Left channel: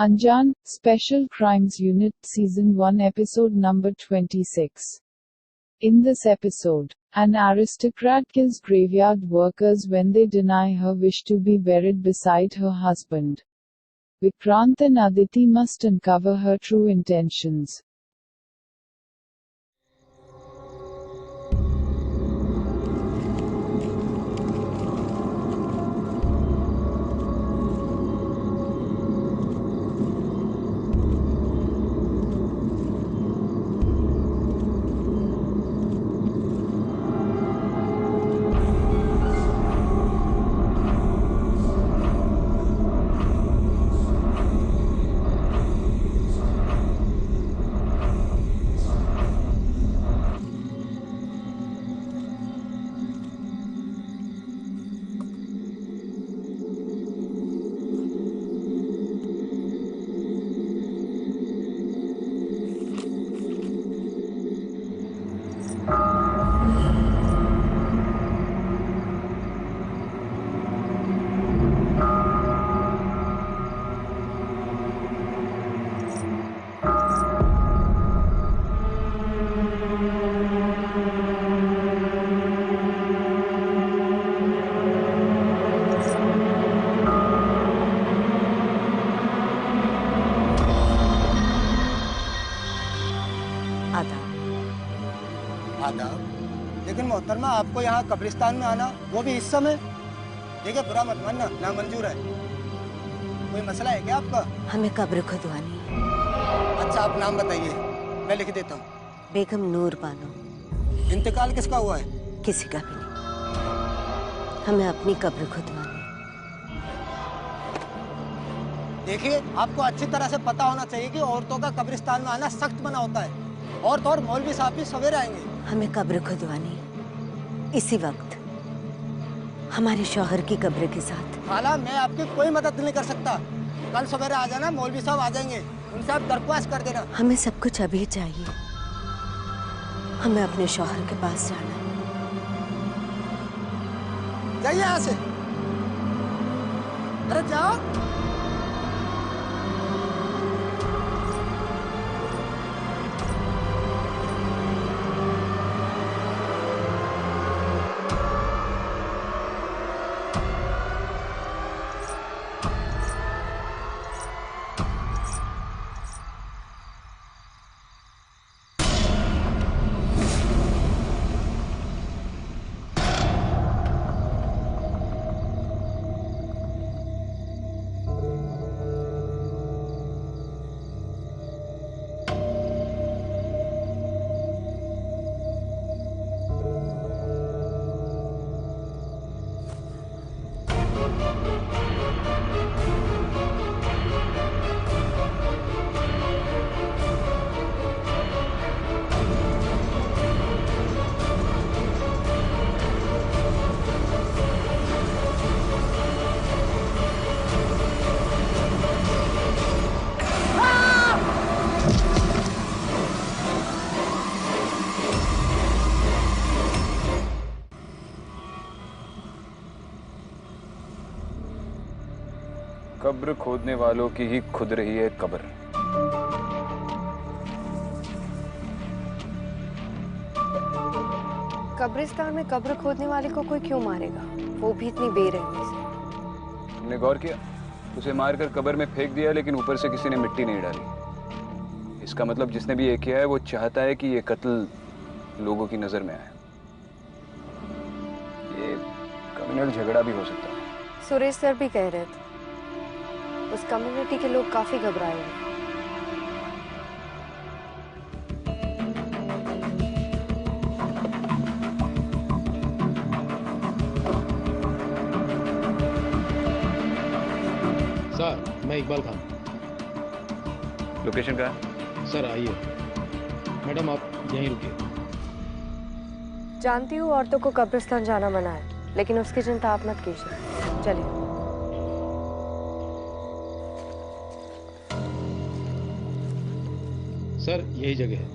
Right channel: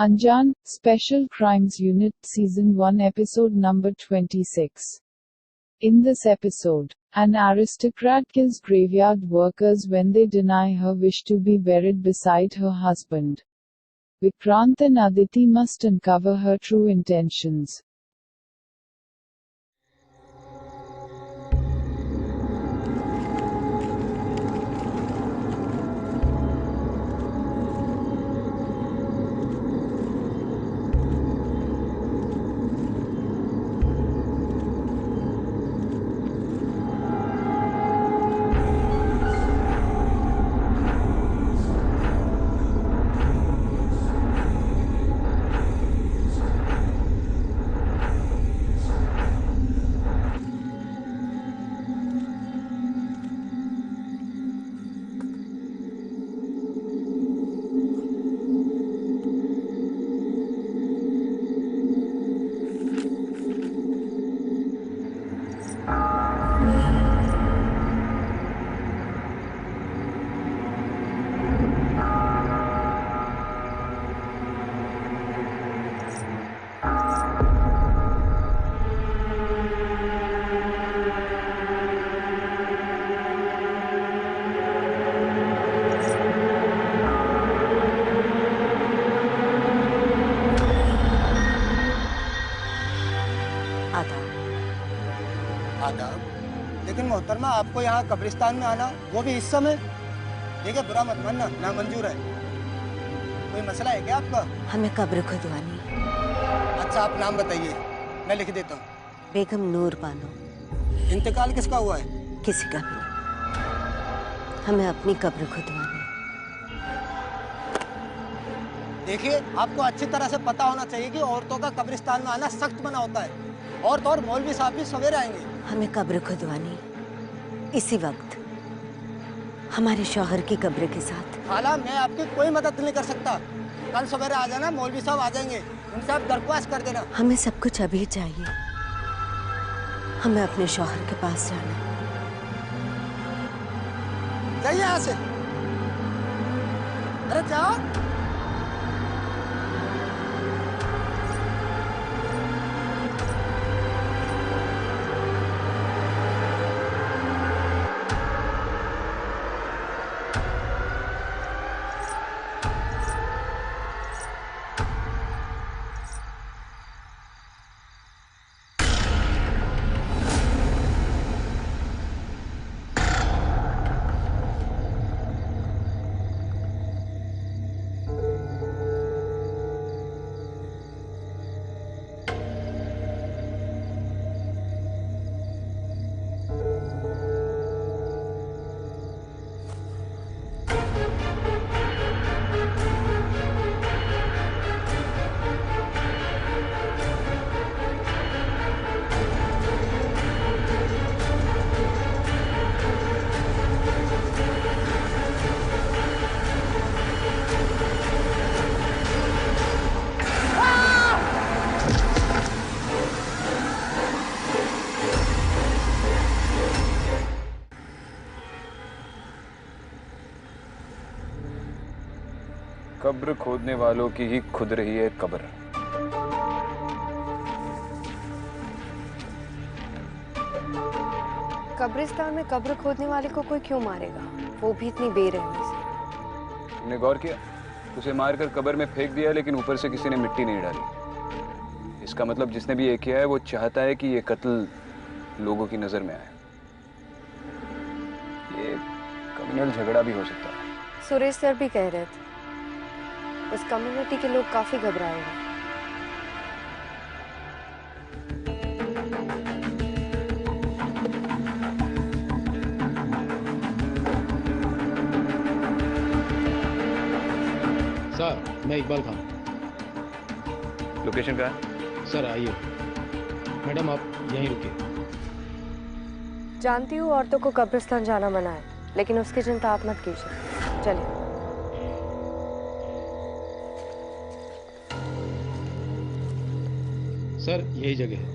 Anjan, Special Crimes Unit, Season 1, Episode number 26. In this episode, an aristocrat kills graveyard workers when they deny her wish to be buried beside her husband. Vikrant and Aditi must uncover her true intentions. आदाब। लेकिन मोहतरमा, आपको यहाँ कब्रिस्तान में आना, वो भी इस समय? देखिए, बुरा मत मानना, नामंजूर है। कोई मसला है क्या आपका? हमें कब्र खुदवानी है। अच्छा, आप नाम बताइए, मैं लिख देता हूँ। बेगम नूर बानो। इंतकाल किसका हुआ है? किसी का भी नहीं। हमें अपनी कब्र खुदवानी है। देखिए, आपको अच्छी तरह से पता होना चाहिए कि औरतों का कब्रिस्तान में आना सख्त मना होता है। औरत और मौलवी साहब भी सवेरे आएंगे। हमें कब्र खुदवानी इसी वक्त, हमारे शौहर की कब्र के साथ। खाला, मैं आपकी कोई मदद नहीं कर सकता। कल सवेरे आ जाना, मौलवी साहब आ जाएंगे, उनसे आप दरख्वास्त कर देना। हमें सब कुछ अभी चाहिए। हमें अपने शौहर के पास जाना है। जाइए यहाँ से। अरे जाओ। कब्र खोदने वालों की ही खुद रही है कब्र। कब्रिस्तान में कब्र खोदने वाले को कोई क्यों मारेगा, वो भी इतनी बेरहमी से। तुमने गौर किया? उसे मारकर कब्र में फेंक दिया, लेकिन ऊपर से किसी ने मिट्टी नहीं डाली। इसका मतलब जिसने भी ये किया है वो चाहता है कि ये कत्ल लोगों की नजर में आए। ये कम्युनल झगड़ा भी हो सकता है। सुरेश सर भी कह रहे थे उस कम्युनिटी के लोग काफी घबराए हुए। सर, मैं इकबाल खान। लोकेशन कहाँ है? सर आइए। मैडम आप यहीं रुकिए। जानती हूँ औरतों को कब्रिस्तान जाना मना है, लेकिन उसकी चिंता आप मत कीजिए। चलिए। सर यही जगह है।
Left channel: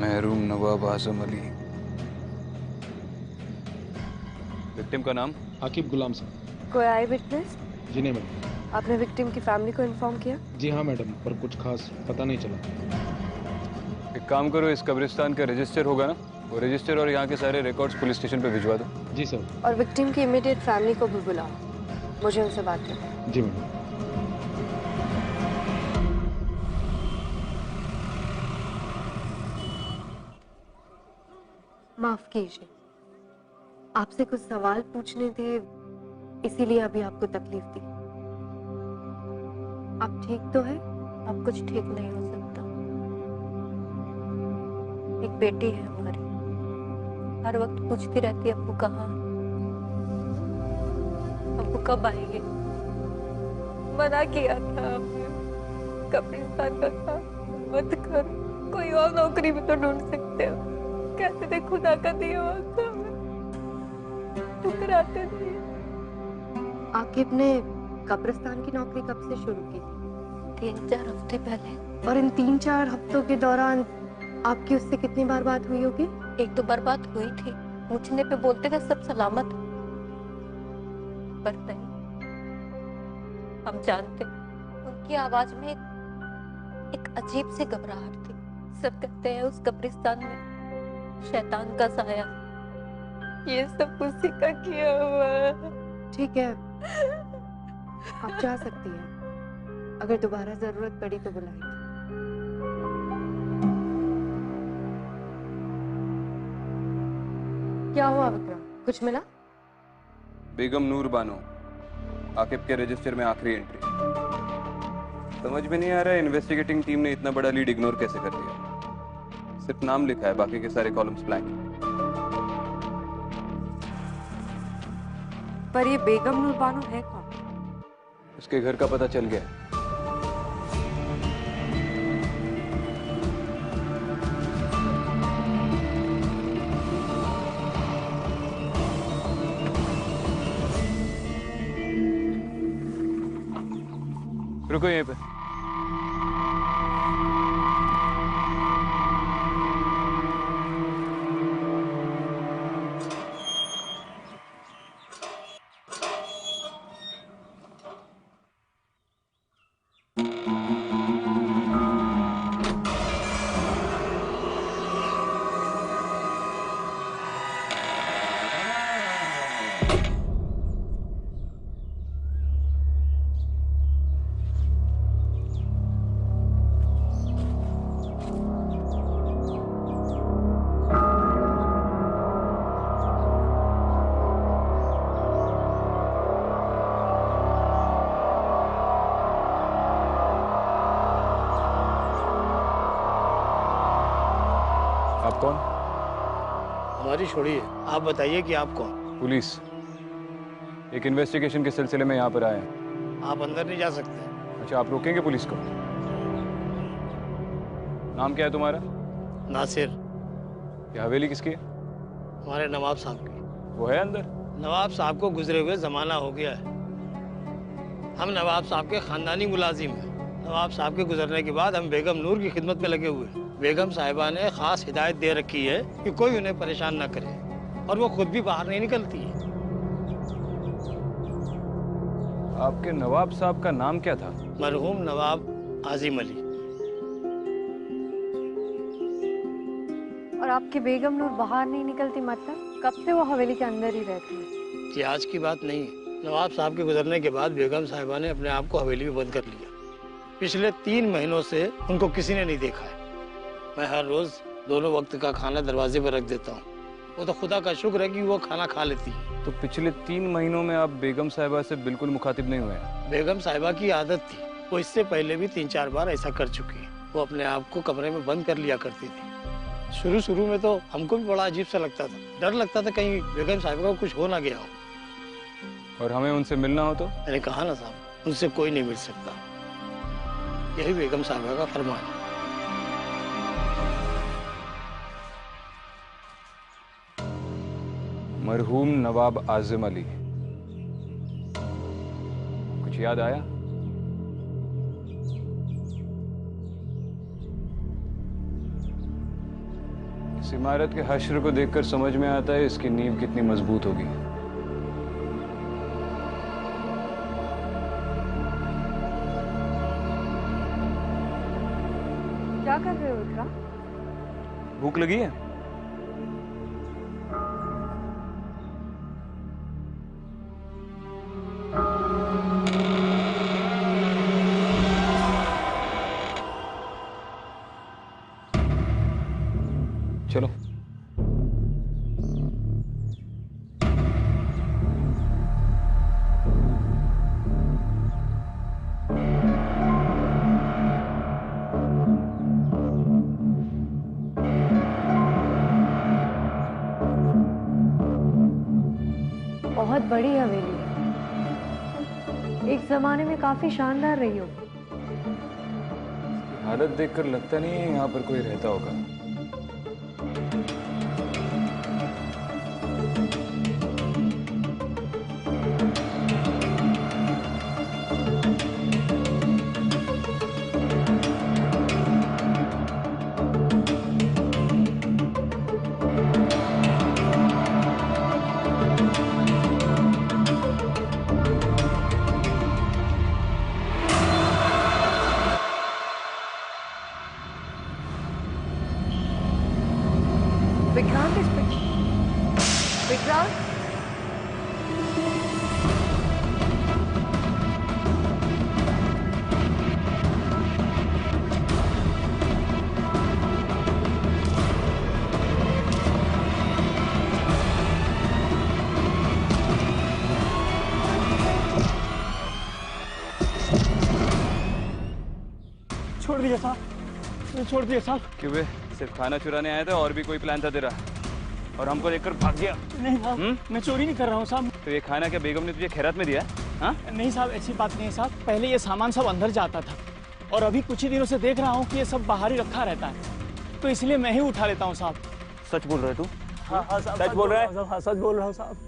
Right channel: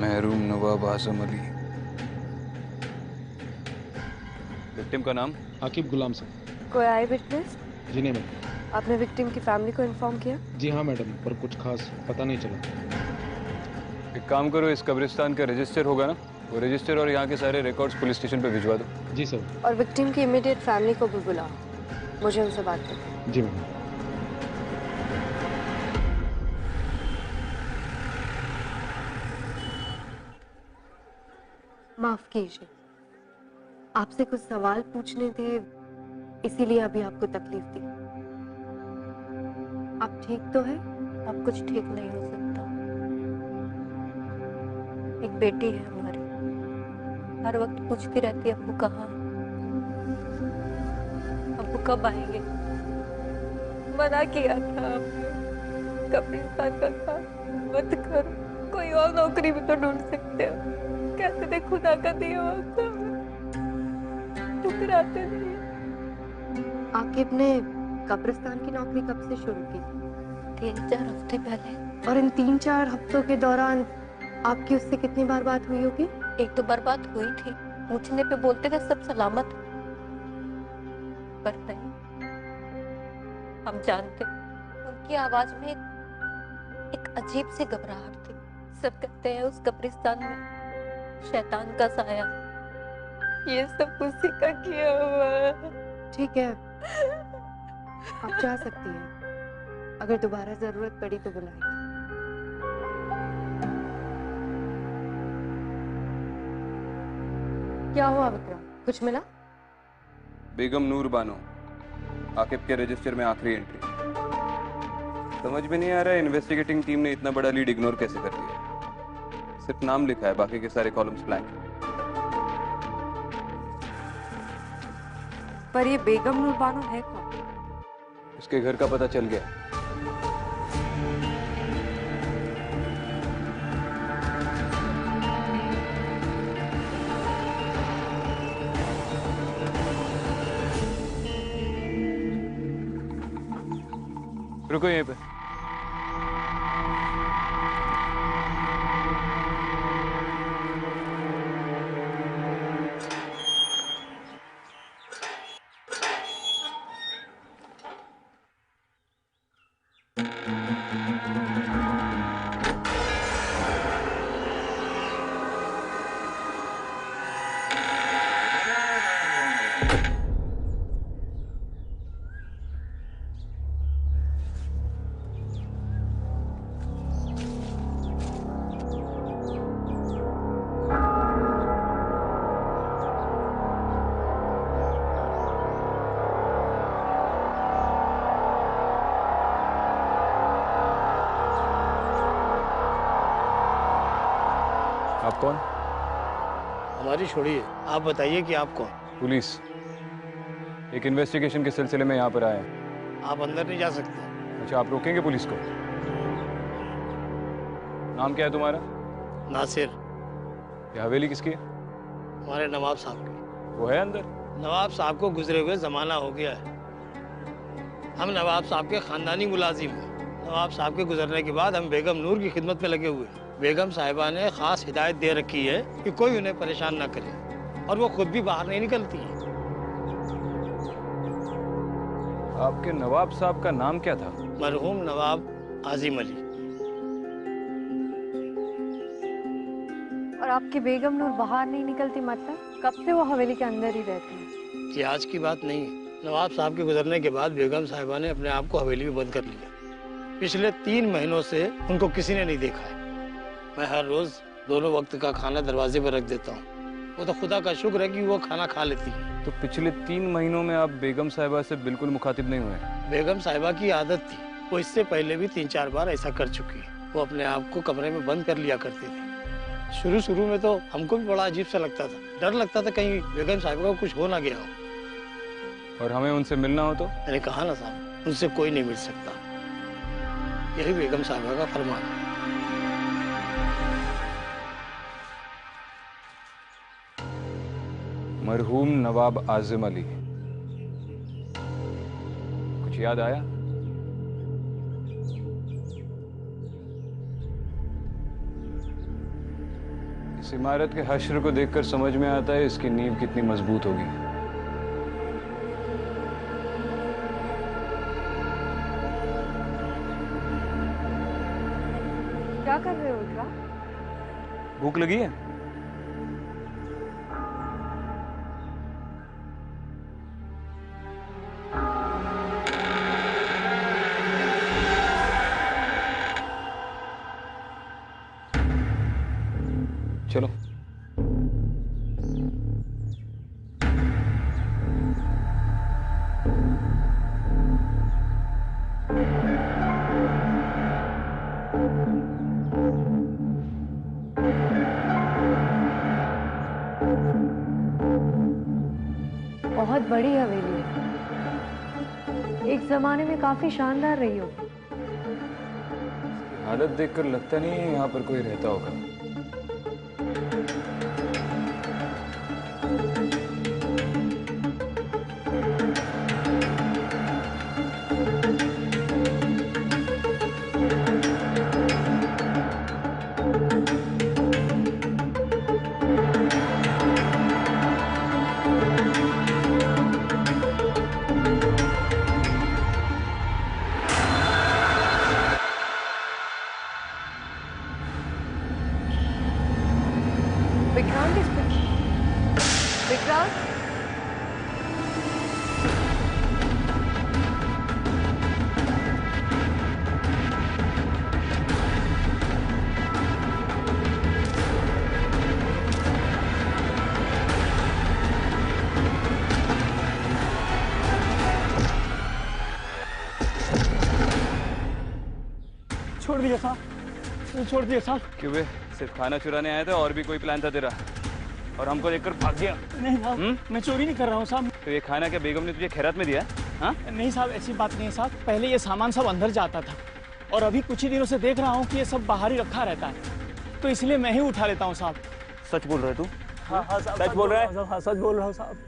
महरूम नवाब आजम अली, विक्टिम का नाम? आकिब गुलाम साहब। कोई आई विटनेस? जी नहीं मैडम। आपने विक्टिम की फैमिली को इन्फॉर्म किया? जी हाँ मैडम, पर कुछ खास पता नहीं चला। एक काम करो, इस कब्रिस्तान का रजिस्टर होगा ना, वो रजिस्टर और यहाँ के सारे रिकॉर्ड्स पुलिस स्टेशन पे भिजवा दो। जी सर। और विक्टिम की इमीडिएट फैमिली को भी बुलाओ, मुझे उनसे बात करनी है। जी मैडम। माफ कीजिए, आपसे कुछ सवाल पूछने थे, इसीलिए अभी आपको तकलीफ दी। आप ठीक तो है? अब कुछ ठीक नहीं हो सकता। एक बेटी है हमारी, हर वक्त पूछती रहती है अब्बू कहाँ, अब्बू कब आएंगे। मना किया था आपने, कब्रिस्तान का काम मत करो, कोई और नौकरी भी तो ढूंढ सकते हो। कहते थे खुदा का दिया हुआ काम है, ठुकराते नहीं। आकिब ने कब्रिस्तान की नौकरी कब से शुरू की? 3-4 हफ्ते पहले। और इन 3-4 हफ्तों के दौरान आपकी उससे कितनी बार बात हुई होगी? 1-2 बार बात हुई थी, पूछने पे बोलते थे सब सलामत, पर नहीं। हम जानते, उनकी आवाज में एक अजीब सी घबराहट थी। सब कहते हैं उस कब्रिस्तान में शैतान का साया, ये सब उसी का किया हुआ है। ठीक है, आप जा सकती हैं। अगर दोबारा जरूरत पड़ी तो बुलाएंगे। क्या हुआ विक्रम, कुछ मिला? बेगम नूर बानो, आकिब के रजिस्टर में आखिरी एंट्री। समझ में नहीं आ रहा है इन्वेस्टिगेटिंग टीम ने इतना बड़ा लीड इग्नोर कैसे कर दिया। सिर्फ नाम लिखा है, बाकी के सारे कॉलम्स ब्लैंक हैं। पर ये बेगम नूर बानो है कौन? उसके घर का पता चल गया है। रुको यहीं पे। आप कौन? हमारी छोड़िए, आप बताइए कि आप कौन? पुलिस। एक इन्वेस्टिगेशन के सिलसिले में यहाँ पर आए हैं। आप अंदर नहीं जा सकते। अच्छा, आप रोकेंगे पुलिस को? नाम क्या है तुम्हारा? नासिर। ये हवेली किसकी है? हमारे नवाब साहब की। वो है अंदर? नवाब साहब को गुजरे हुए जमाना हो गया है। हम नवाब साहब के खानदानी मुलाजिम हैं। नवाब साहब के गुजरने के बाद हम बेगम नूर की खिदमत में लगे हुए हैं। बेगम साहिबा ने खास हिदायत दे रखी है कि कोई उन्हें परेशान ना करे, और वो खुद भी बाहर नहीं निकलती है। आपके नवाब साहब का नाम क्या था? मरहूम नवाब आजिम अली। और आपकी बेगम नूर बाहर नहीं निकलती, मतलब कब से वो हवेली के अंदर ही रहती है? ये आज की बात नहीं है। नवाब साहब के गुजरने के बाद बेगम साहिबा ने अपने आप को हवेली में बंद कर लिया। पिछले 3 महीनों से उनको किसी ने नहीं देखा है। मैं हर रोज दोनों वक्त का खाना दरवाजे पर रख देता हूँ। वो तो खुदा का शुक्र है कि वो खाना खा लेती है। तो पिछले 3 महीनों में आप बेगम साहिबा से बिल्कुल मुखातिब नहीं हुए हैं? बेगम साहिबा की आदत थी, वो इससे पहले भी 3-4 बार ऐसा कर चुकी है। वो अपने आप को कमरे में बंद कर लिया करती थी। शुरू में तो हमको भी बड़ा अजीब सा लगता था, डर लगता था कहीं बेगम साहिबा को कुछ हो ना गया हो। और हमें उनसे मिलना हो तो? मैंने कहा ना साहब, उनसे कोई नहीं मिल सकता। यही बेगम साहिबा का फरमान है। मरहूम नवाब आजिम अली, कुछ याद आया? इस इमारत के हश्र को देखकर समझ में आता है इसकी नींव कितनी मजबूत होगी। क्या कर रहे हो इकरा? भूख लगी है? चलो। बहुत बड़ी हवेली है, एक जमाने में काफी शानदार रही होगी। इसकी हालत देखकर लगता नहीं है यहाँ पर कोई रहता होगा। विक्रांत विक्रांत छोड़ दिया साहब, छोड़ दिया साहब। क्यों बे? सिर्फ खाना चुराने आया था और भी कोई प्लान था तेरा? और हमको देखकर भाग गया? नहीं साहब, मैं चोरी नहीं कर रहा हूँ साहब। तो ये खाना क्या बेगम ने तुझे खैरात में दिया? हाँ? नहीं साहब, ऐसी बात नहीं है साहब। पहले ये सामान सब अंदर जाता था और अभी कुछ ही दिनों से देख रहा हूँ कि ये सब बाहर ही रखा रहता है, तो इसलिए मैं ही उठा लेता हूँ साहब। सच बोल रहा है तू? हाँ हाँ साहब, सच बोल रहा है? हाँ, सच बोल रहा हूँ साहब।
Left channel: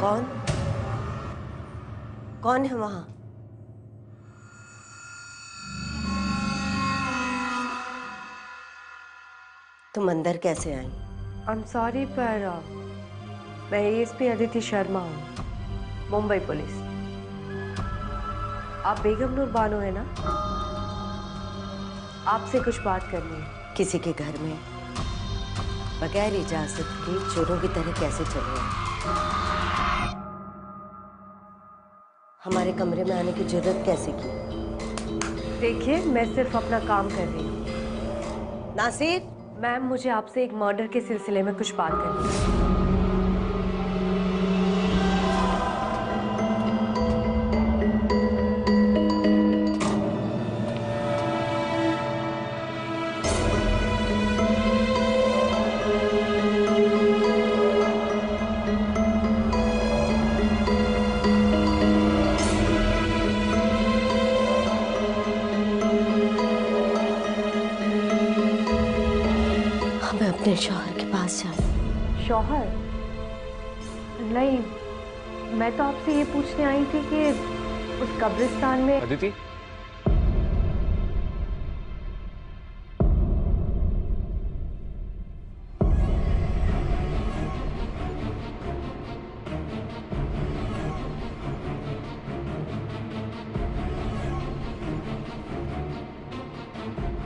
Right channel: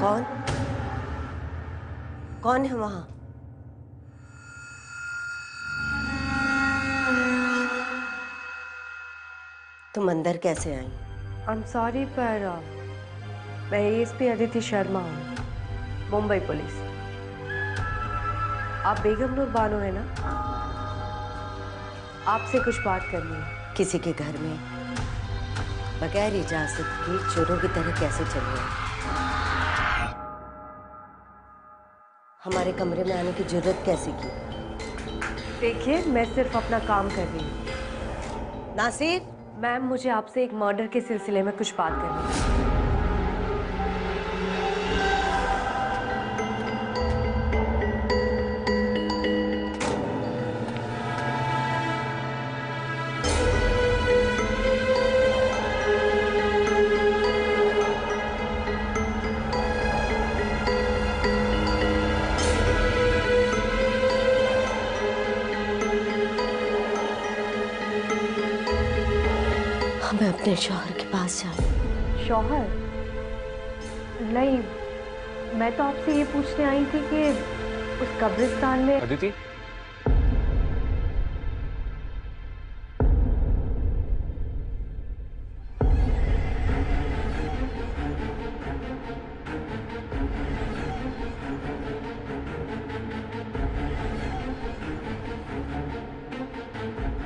कौन कौन है वहां? तुम अंदर कैसे आई? आई एम सॉरी पर मैं एएसपी अदिति शर्मा हूँ, मुंबई पुलिस। आप बेगम नूर बानो है ना? आपसे कुछ बात करनी है। किसी के घर में बगैर इजाजत के चोरों की तरह कैसे चले आए? हमारे कमरे में आने की जरूरत कैसे की? देखिए, मैं सिर्फ अपना काम कर रही हूँ। नासिर, मैम, मुझे आपसे एक मर्डर के सिलसिले में कुछ बात करनी है। हमें अपने शौहर के पास जाना। शौहर? नहीं, मैं तो आपसे ये पूछने आई थी कि उस कब्रिस्तान में अदिति,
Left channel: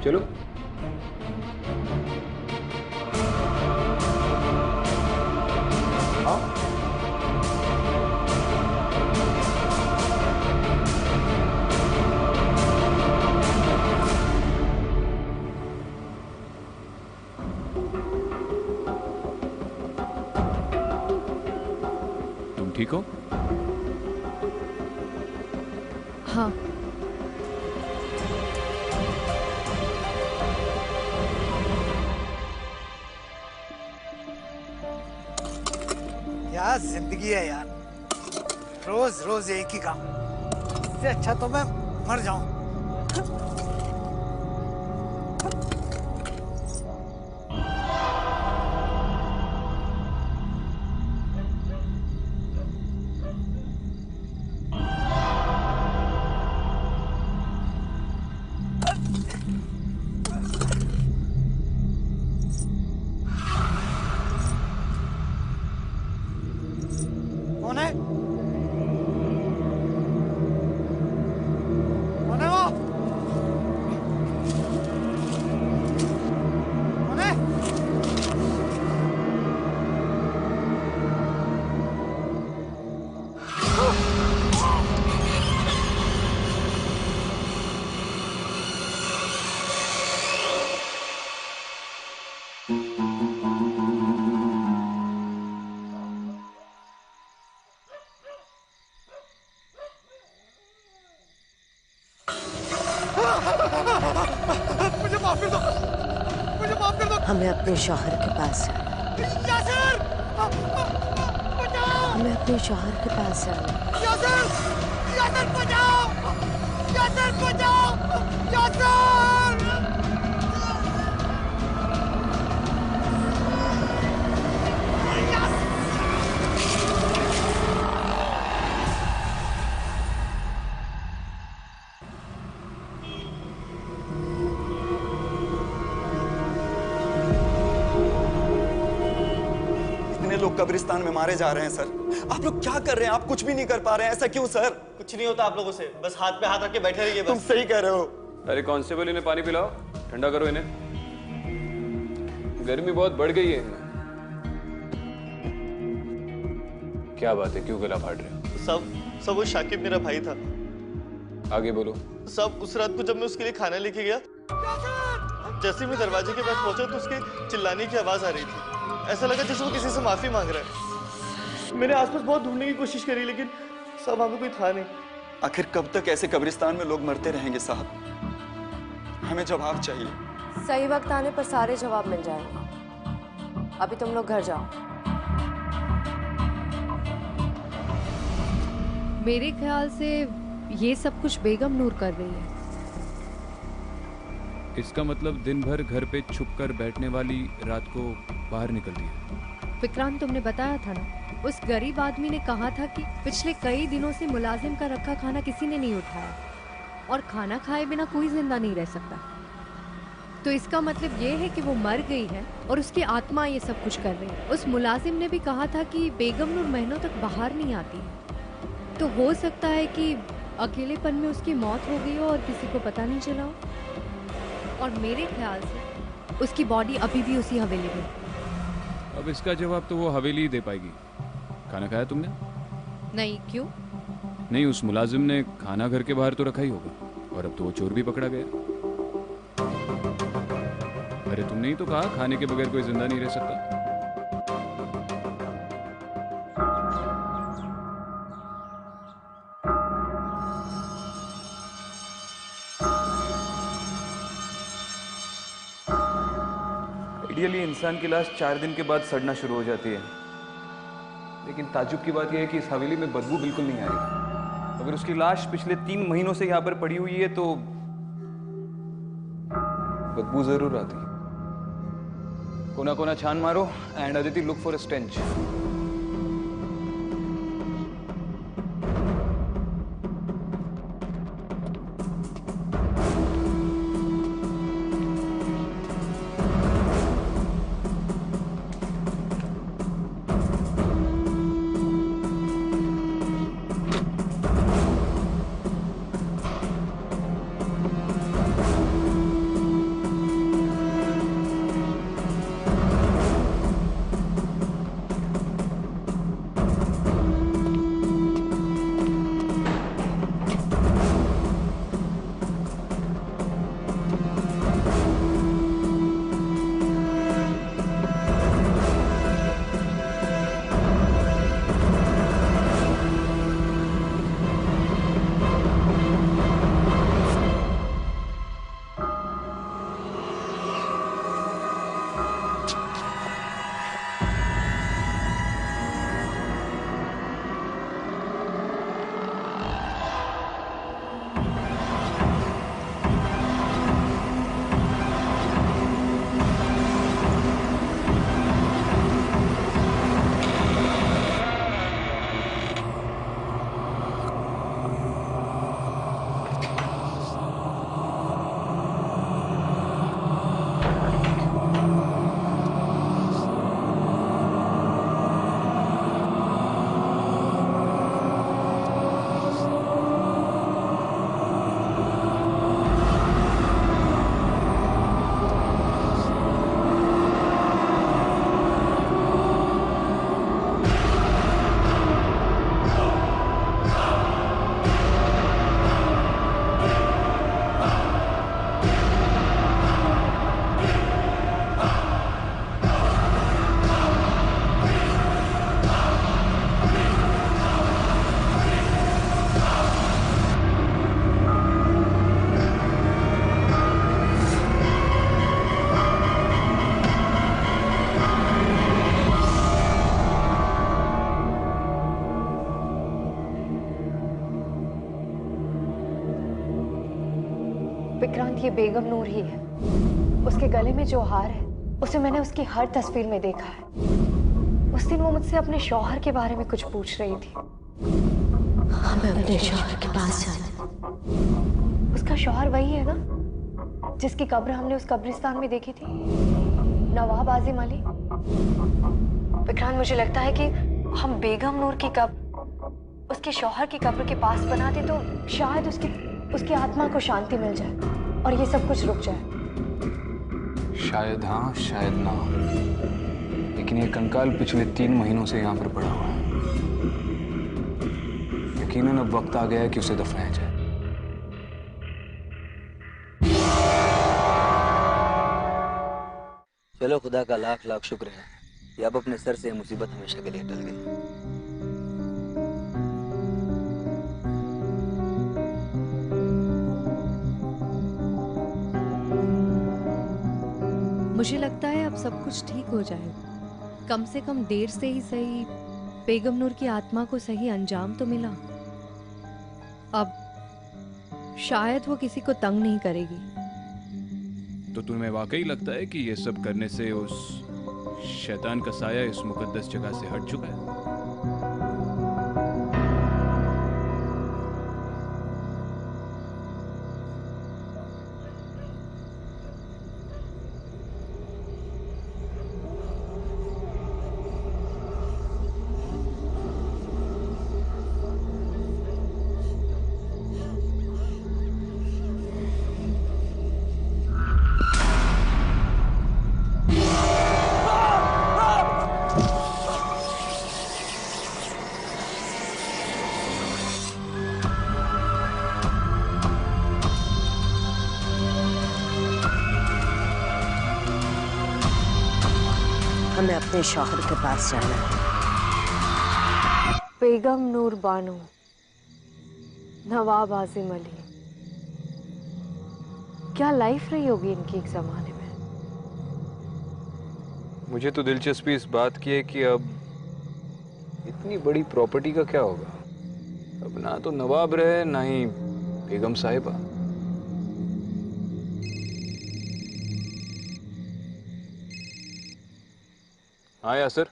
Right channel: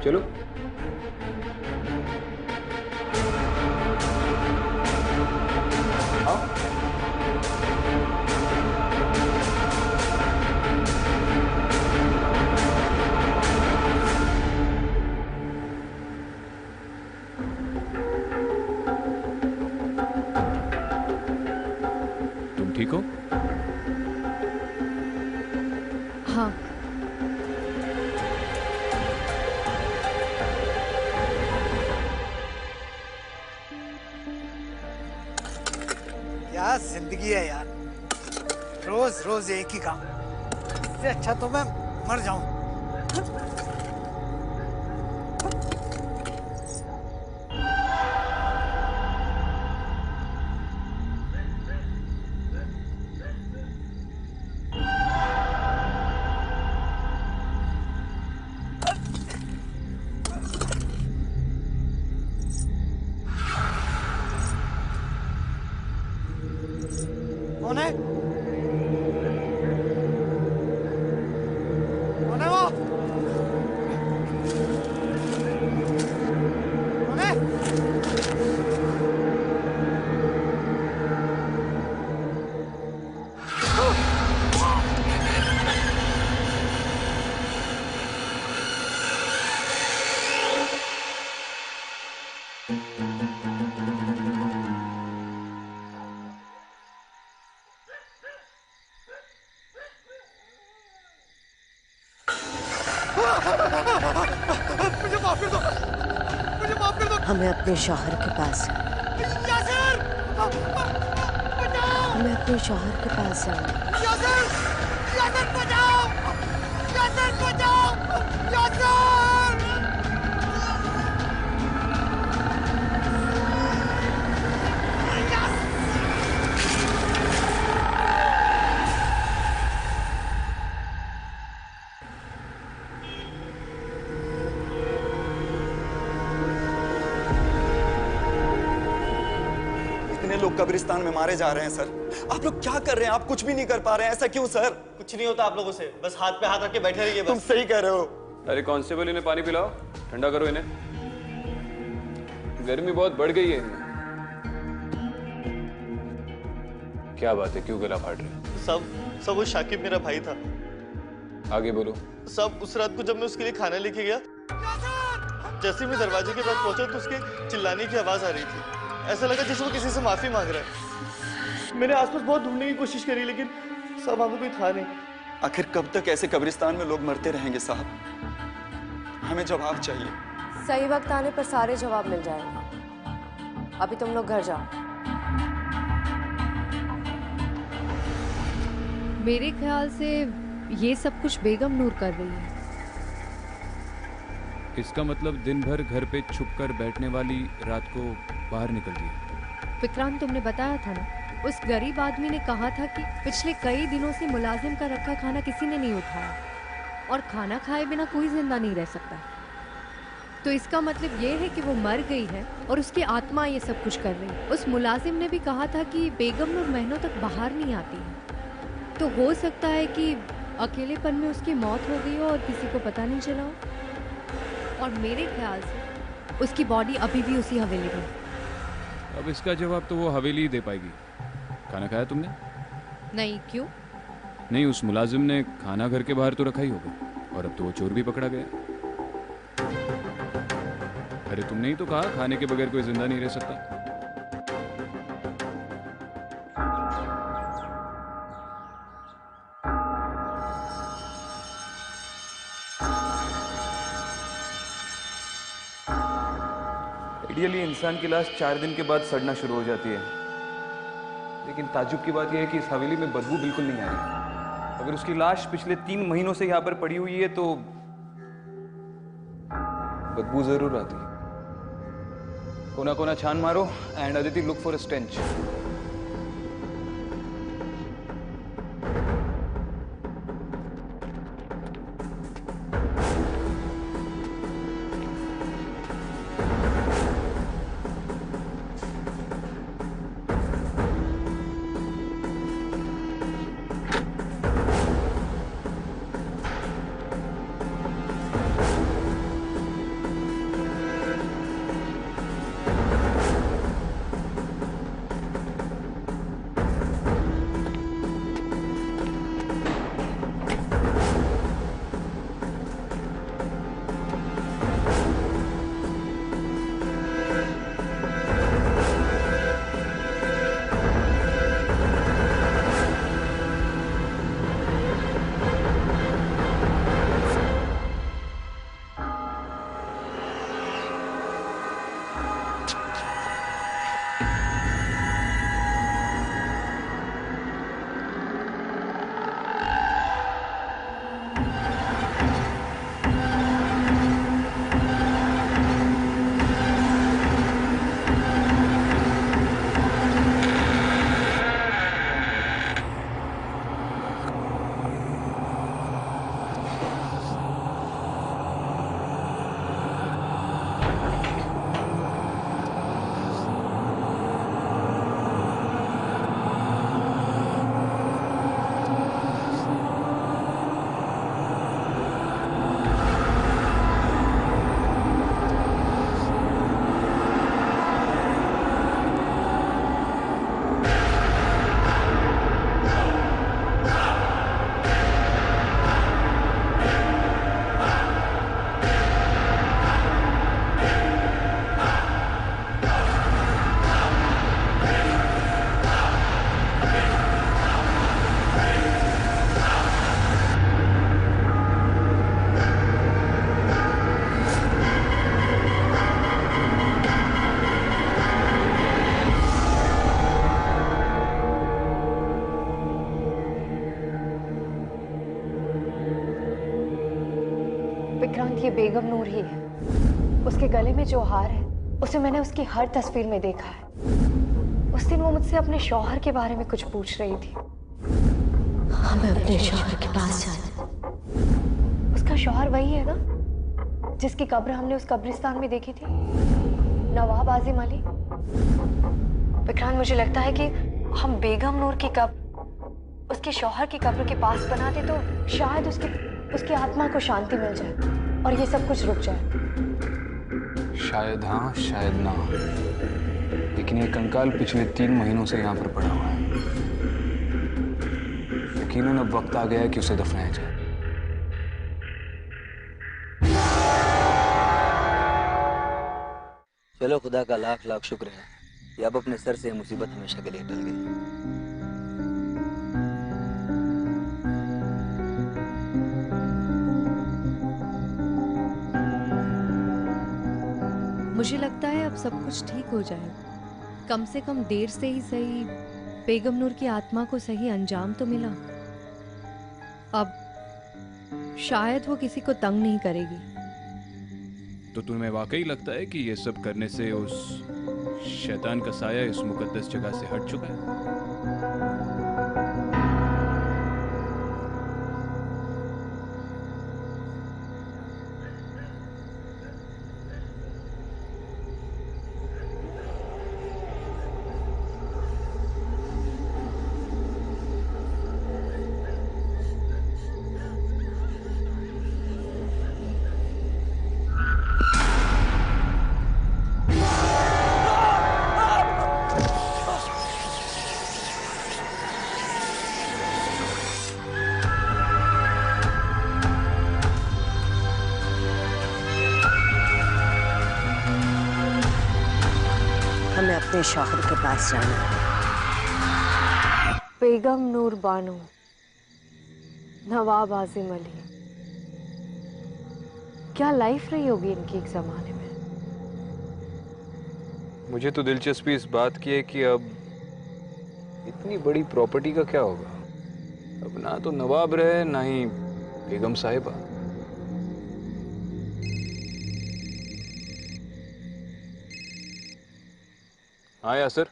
चलो। हाँ तुम ठीक हो? हाँ। क्या जिंदगी है यार, रोज रोज एक ही काम। इससे अच्छा तो मैं मर जाऊं। कौन है? कौन है वो? कौन है? मुझे माफ कर दो, मुझे माफ कर दो। हमें अपने शौहर के पास जाना है। यासिर, बचाओ! हमें अपने शौहर के पास जाना है। यासिर, यासिर बचाओ! यासिर बचाओ! यासिर! इतने लोग कब्रिस्तान में मारे जा रहे हैं सर, आप लोग क्या कर रहे हैं? आप कुछ भी नहीं कर पा रहे हैं, ऐसा क्यों सर? कुछ नहीं होता आप लोगों से, बस हाथ पे हाथ रख के बैठे रहिए। तुम सही कह रहे हो। अरे कांस्टेबल, इन्हें पानी पिलाओ, ठंडा करो इन्हें, गर्मी बहुत बढ़ गई है इनमें। क्या बात है, क्यों गला फाड़ रहे हो? सब वो शाकिब मेरा भाई था। आगे बोलो। सब उस रात को जब मैं उसके लिए खाना लेके गया, जैसे मैं दरवाजे के पास पहुंचा तो उसके चिल्लाने की आवाज आ रही थी। ऐसा लगा जैसे वो किसी से माफी मांग रहा है। मैंने आसपास बहुत ढूंढने की कोशिश करी लेकिन सब वहां पे कोई था नहीं। आखिर कब तक ऐसे कब्रिस्तान में लोग मरते रहेंगे साहब? हमें जवाब चाहिए। सही वक्त आने पर सारे जवाब मिल जाएंगे। अभी तुम लोग घर जाओ। मेरे ख्याल से ये सब कुछ बेगम नूर कर रही है। इसका मतलब दिन भर घर पे छुपकर बैठने वाली रात को बाहर निकलती है। विक्रांत, तुमने बताया था ना, उस गरीब आदमी ने कहा था कि पिछले कई दिनों से मुलाजिम का रखा खाना किसी ने नहीं उठाया और खाना खाए बिना कोई जिंदा नहीं रह सकता। तो इसका मतलब ये है कि वो मर गई है और उसकी आत्मा ये सब कुछ कर रही है। उस मुलाजिम ने भी कहा था कि बेगम नूर महीनों तक बाहर नहीं आती है, तो हो सकता है कि अकेलेपन में उसकी मौत हो गई हो और किसी को पता नहीं चला हो। और मेरे ख्याल से उसकी बॉडी अभी भी उसी हवेली में। अब इसका जवाब तो वो हवेली ही दे पाएगी। खाना खाया तुमने? नहीं, क्यों? नहीं, उस मुलाजिम ने खाना घर के बाहर तो रखा ही होगा और अब तो वो चोर भी पकड़ा गया। अरे तुमने ही तो कहा खाने के बगैर कोई जिंदा नहीं रह सकता। आइडियली इंसान की लाश 4 दिन के बाद सड़ना शुरू हो जाती है, लेकिन ताज्जुब की बात यह है कि इस हवेली में बदबू बिल्कुल नहीं आ रही। अगर उसकी लाश पिछले 3 महीनों से यहाँ पर पड़ी हुई है तो बदबू जरूर आती है। कोना कोना छान मारो and Aditi look for a stench. Vikrant, ये बेगम नूर ही है। उसके गले में जो हार है उसे मैंने उसकी हर तस्वीर में देखा है। उस दिन वो मुझसे अपने शौहर के बारे में कुछ पूछ रही थी। हमें अपने शौहर के पास जाना। उसका शौहर वही है ना जिसकी कब्र हमने उस कब्रिस्तान में देखी थी, नवाब आजिम अली। विक्रांत, मुझे लगता है कि हम बेगम नूर की कब्र उसके शौहर की कब्र के पास बनाते तो शायद उसकी आत्मा को शांति मिल जाए और ये सब कुछ रुक जाए। शायद हाँ, शायद ना, लेकिन ये कंकाल पिछले 3 महीनों से यहाँ पर पड़ा हुआ है। यकीनन अब वक्त आ गया है कि उसे दफनाया जाए। चलो, खुदा का लाख लाख शुक्र है कि अब अपने सर से मुसीबत हमेशा के लिए टल गई। मुझे लगता है अब सब कुछ ठीक हो जाएगा। कम से कम देर से ही सही बेगम नूर की आत्मा को सही अंजाम तो मिला। अब शायद वो किसी को तंग नहीं करेगी। तो तुम्हें वाकई लगता है कि ये सब करने से उस शैतान का साया इस मुकद्दस जगह से हट चुका है? हमें अपने शौहर के पास जाना है। बेगम नूर बानो, नवाब आजिम अली, क्या लाइफ रही होगी इनकी एक जमाने में। मुझे तो दिलचस्पी इस बात की है कि अब इतनी बड़ी प्रॉपर्टी का क्या होगा। अब ना तो नवाब रहे ना ही बेगम साहिबा। हाँ यासर,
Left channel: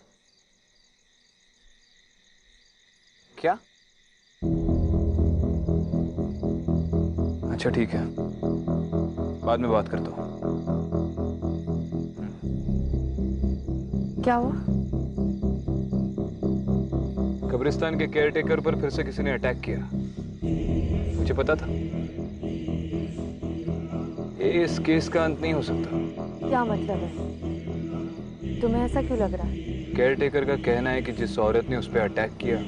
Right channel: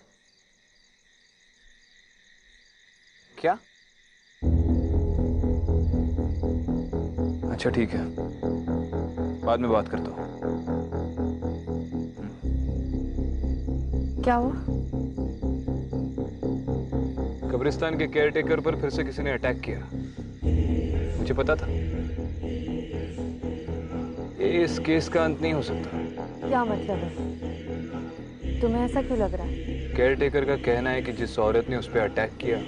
क्या? अच्छा ठीक है, बाद में बात करता हूँ। क्या हुआ? कब्रिस्तान के केयरटेकर पर फिर से किसी ने अटैक किया। मुझे पता था ये इस केस का अंत नहीं हो सकता। क्या मतलब है? तुम्हें ऐसा क्यों लग रहा है? केयरटेकर का कहना है कि जिस औरत ने उस पर अटैक किया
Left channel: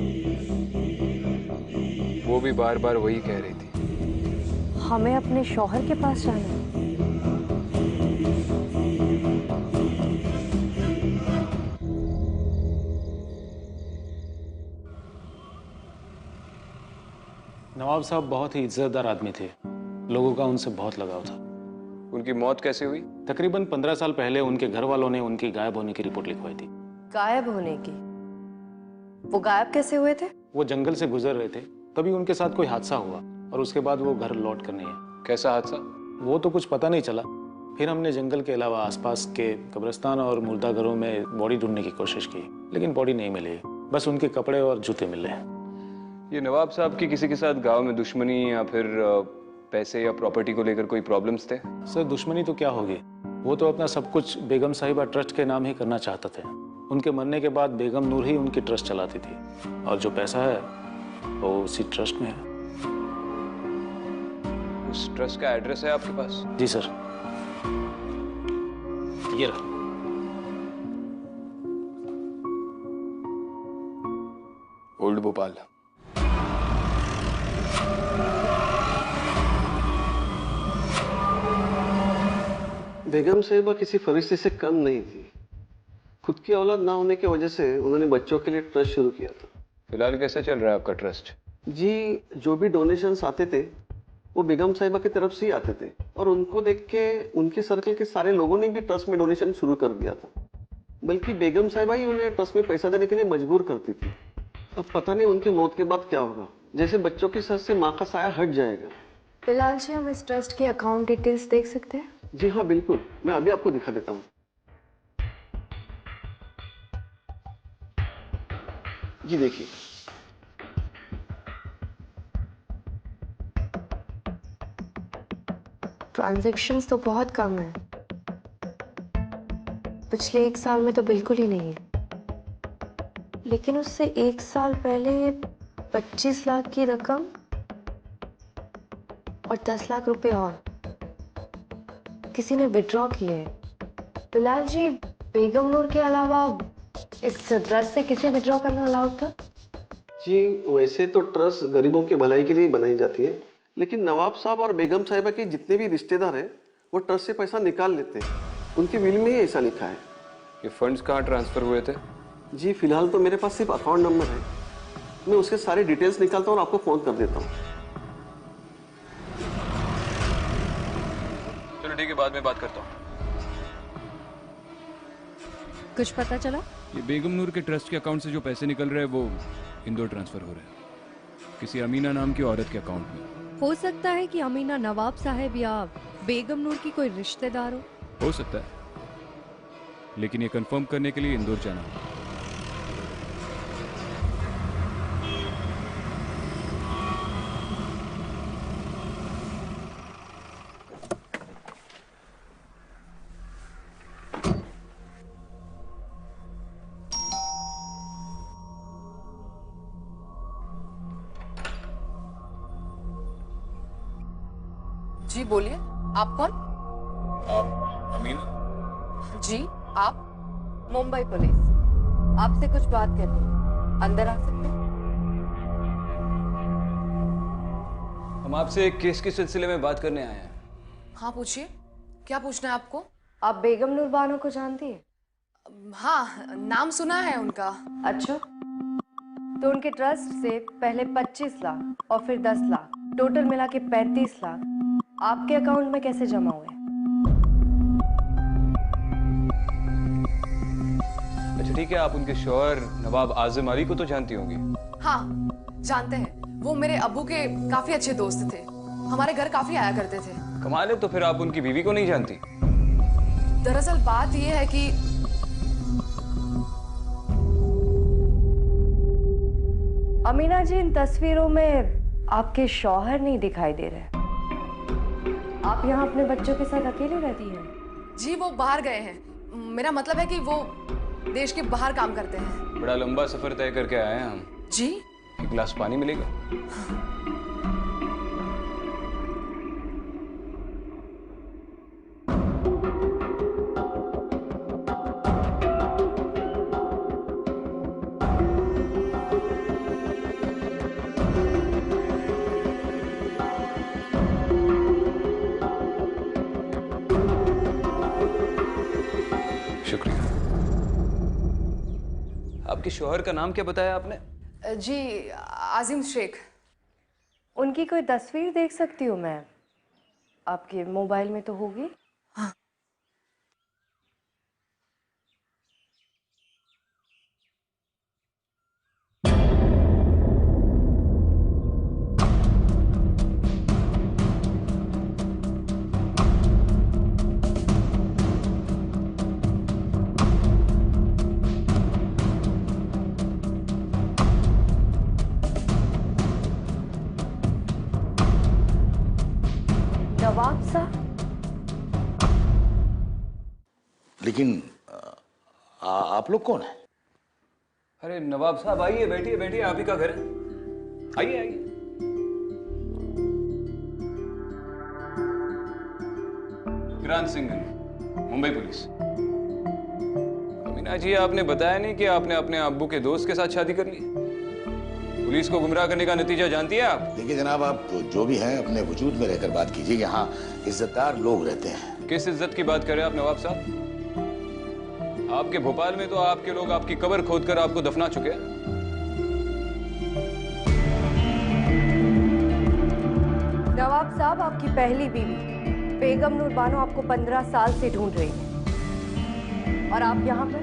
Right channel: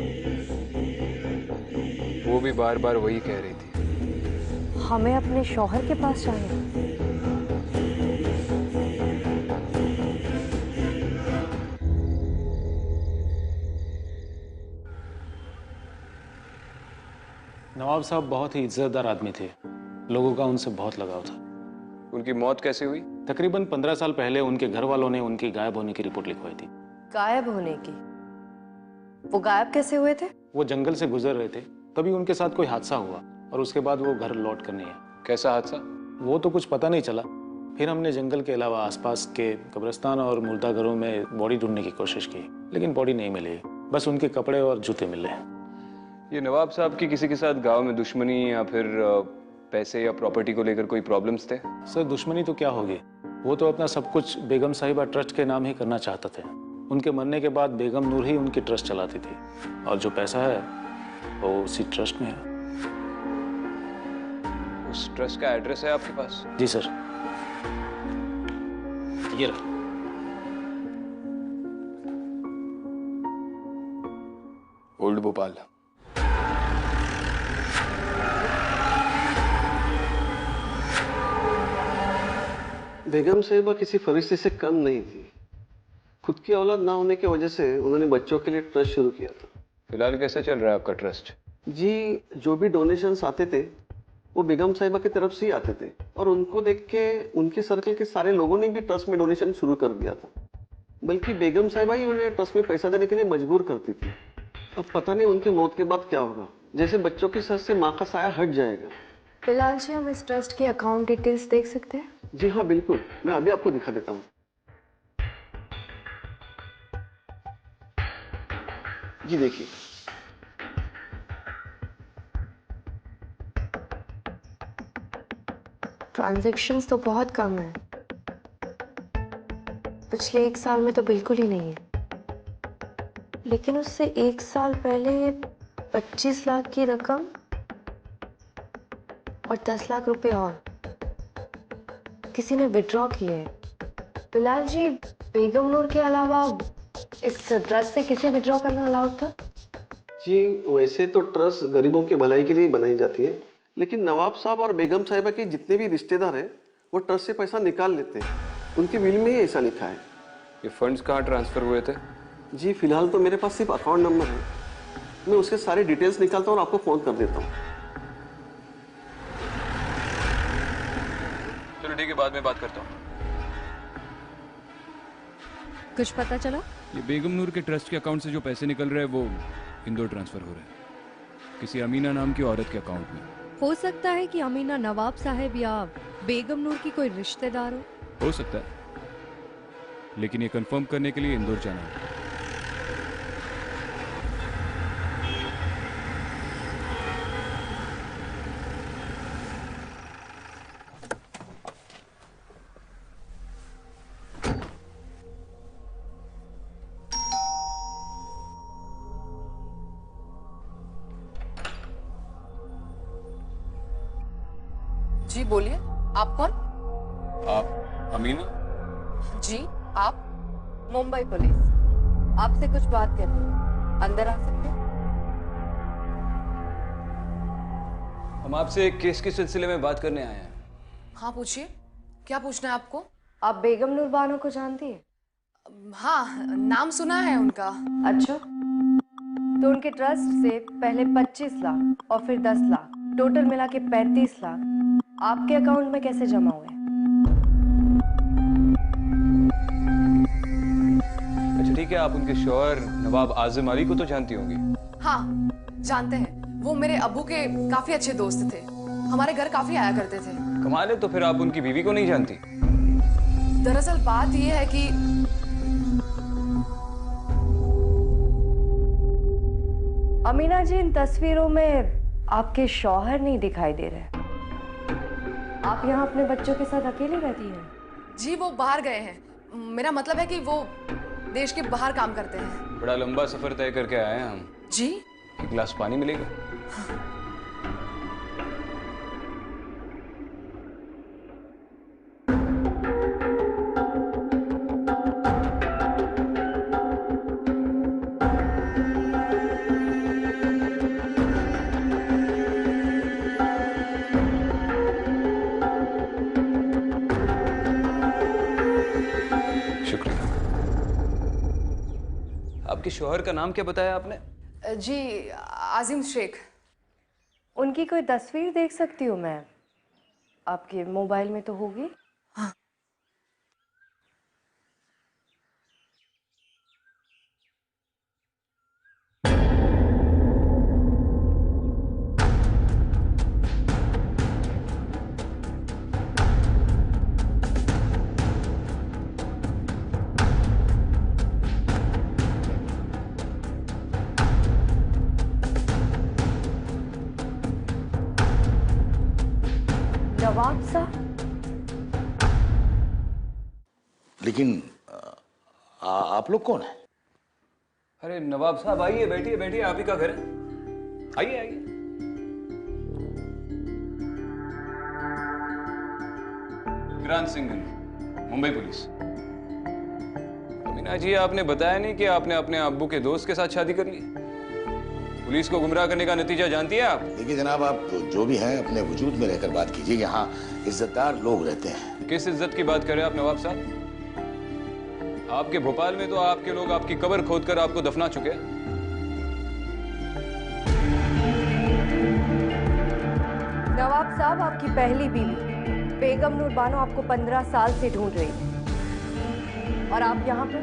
वो भी बार बार वही कह रही थी। हमें अपने शौहर के पास जाना है। नवाब साहब बहुत ही इज्जतदार आदमी थे। लोगों का उनसे बहुत लगाव था। उनकी मौत कैसे हुई? तकरीबन 15 साल पहले उनके घर वालों ने उनकी गायब होने की रिपोर्ट लिखवाई थी। गायब होने की? वो गायब कैसे हुए थे? वो जंगल से गुजर रहे थे, तभी उनके साथ कोई हादसा हुआ और उसके बाद वो घर लौट कर नहीं आए। कैसा हादसा? वो तो कुछ पता नहीं चला। फिर हमने जंगल के अलावा आसपास के कब्रिस्तान और मुर्दा घरों में बॉडी ढूंढने की कोशिश की, लेकिन बॉडी नहीं मिली। बस उनके कपड़े और जूते मिले। ये नवाब साहब की किसी के साथ गांव में दुश्मनी या फिर पैसे या प्रॉपर्टी को लेकर कोई प्रॉब्लम्स थे? सर, दुश्मनी तो क्या होगी, वो तो अपना सब कुछ बेगम साहिबा ट्रस्ट के नाम ही करना चाहते थे। उनके मरने के बाद बेगम नूर ही उनकी ट्रस्ट चलाती थी और जो पैसा है वो उसी ट्रस्ट में है। उस ट्रस्ट का एड्रेस है आपके पास? जी सर, ये रहा। ओल्ड भोपाल। बेगम साहिबा किसी फरिश्ते से कम नहीं थी। खुद की औलाद ना होने की वजह से उन्होंने बच्चों के लिए ट्रस्ट शुरू किया था। फिलहाल कैसा चल रहा है आपका ट्रस्ट? जी, जो भी डोनेशंस आते थे वो बेगम साहिबा की तरफ से ही आते थे और उनको देख के उनके सर्कल के सारे लोगों ने भी ट्रस्ट में डोनेशन शुरू कर दिया था। बल्कि बेगम साहिबा ही उन्हें ट्रस्ट में पैसा देने के लिए मजबूर करती थी। अब पता नहीं उनकी मौत के बाद क्या होगा। जैसे बच्चों की सर से माँ का साया हट जाएगा, बिलाल जी, हम इस ट्रस्ट के अकाउंट डिटेल्स देख सकते हैं? जी हाँ बिल्कुल, मैं अभी आपको दिखा देता हूँ। जी देखिए, ट्रांजैक्शंस तो बहुत कम है, पिछले 1 साल में तो बिल्कुल ही नहीं है। लेकिन उससे 1 साल पहले 25 लाख की रकम और 10 लाख रुपए और किसी ने विड्रॉ किए हैं। बिलाल जी, बेगम नूर के अलावा इस ट्रस्ट से किसे विड्रॉ करना अलाउड था? जी वैसे तो ट्रस्ट गरीबों की भलाई के लिए बनाई जाती है, लेकिन नवाब साहब और बेगम साहिबा के जितने भी रिश्तेदार हैं वो ट्रस्ट से पैसा निकाल लेते हैं। उनकी विल में ही ऐसा लिखा है। ये फंड्स कहाँ ट्रांसफर हुए थे? जी फिलहाल तो मेरे पास सिर्फ अकाउंट नंबर है, मैं उसके सारे डिटेल्स निकालता हूँ और आपको फोन कर देता हूँ। चलो ठीक है, बाद में बात करता हूँ। कुछ पता चला? ये बेगम नूर के ट्रस्ट के अकाउंट से जो पैसे निकल रहे हैं वो इंदौर ट्रांसफर हो रहे हैं, किसी अमीना नाम की औरत के अकाउंट में। हो सकता है कि अमीना नवाब साहब या बेगम नूर की कोई रिश्तेदार हो सकता है, लेकिन ये कंफर्म करने के लिए इंदौर जाना होगा। जी बोलिए, आप कौन? आप अमीना? जी आप? मुंबई पुलिस, आपसे कुछ बात करनी है, अंदर आ सकते हैं? हम आपसे एक केस के सिलसिले में बात करने आए हैं। हाँ पूछिए, क्या पूछना है आपको? आप बेगम नूर बानो को जानती है? हाँ, नाम सुना है उनका। अच्छा, तो उनके ट्रस्ट से पहले 25 लाख और फिर 10 लाख, टोटल मिला के 35 लाख आपके अकाउंट में कैसे जमा हुए? अच्छा ठीक है, आप उनके शौहर नवाब आजिम अली को तो जानती होंगी? हाँ जानते हैं, वो मेरे अब्बू के काफी अच्छे दोस्त थे, हमारे घर काफी आया करते थे। कमाल है, तो फिर आप उनकी बीवी को नहीं जानती? दरअसल बात यह है कि अमीना जी, इन तस्वीरों में आपके शौहर नहीं दिखाई दे रहे। आप यहाँ अपने बच्चों के साथ अकेले रहती हैं? जी वो बाहर गए हैं, मेरा मतलब है कि वो देश के बाहर काम करते हैं। बड़ा लंबा सफर तय करके आए हैं हम। जी? एक गिलास पानी मिलेगा? शुक्रिया। आपके शौहर का नाम क्या बताया आपने? जी आजिम शेख। उनकी कोई तस्वीर देख सकती हूँ मैं? आपके मोबाइल में तो होगी। हाँ। नवाब साहब? लेकिन आप लोग कौन हैं? अरे नवाब साहब आइए, बैठिए बैठिए, आप ही का घर है, आइए आइए। किरण सिंघल, मुंबई पुलिस। अमीना जी, आपने बताया नहीं कि आपने अपने अब्बू के दोस्त के साथ शादी कर ली। पुलिस को गुमराह करने का नतीजा जानती है आप? देखिए जनाब, आप जो भी हैं अपने वजूद में रहकर बात कीजिए। यहाँ इज्जतदार लोग रहते हैं। किस इज्जत की बात कर रहे हैं आप नवाब साहब? आपके भोपाल में तो आपके लोग आपकी कब्र खोदकर आपको दफना चुके हैं। नवाब साहब, आपकी पहली बीवी बेगम नूर बानो आपको 15 साल से ढूंढ रही है और आप यहाँ पर?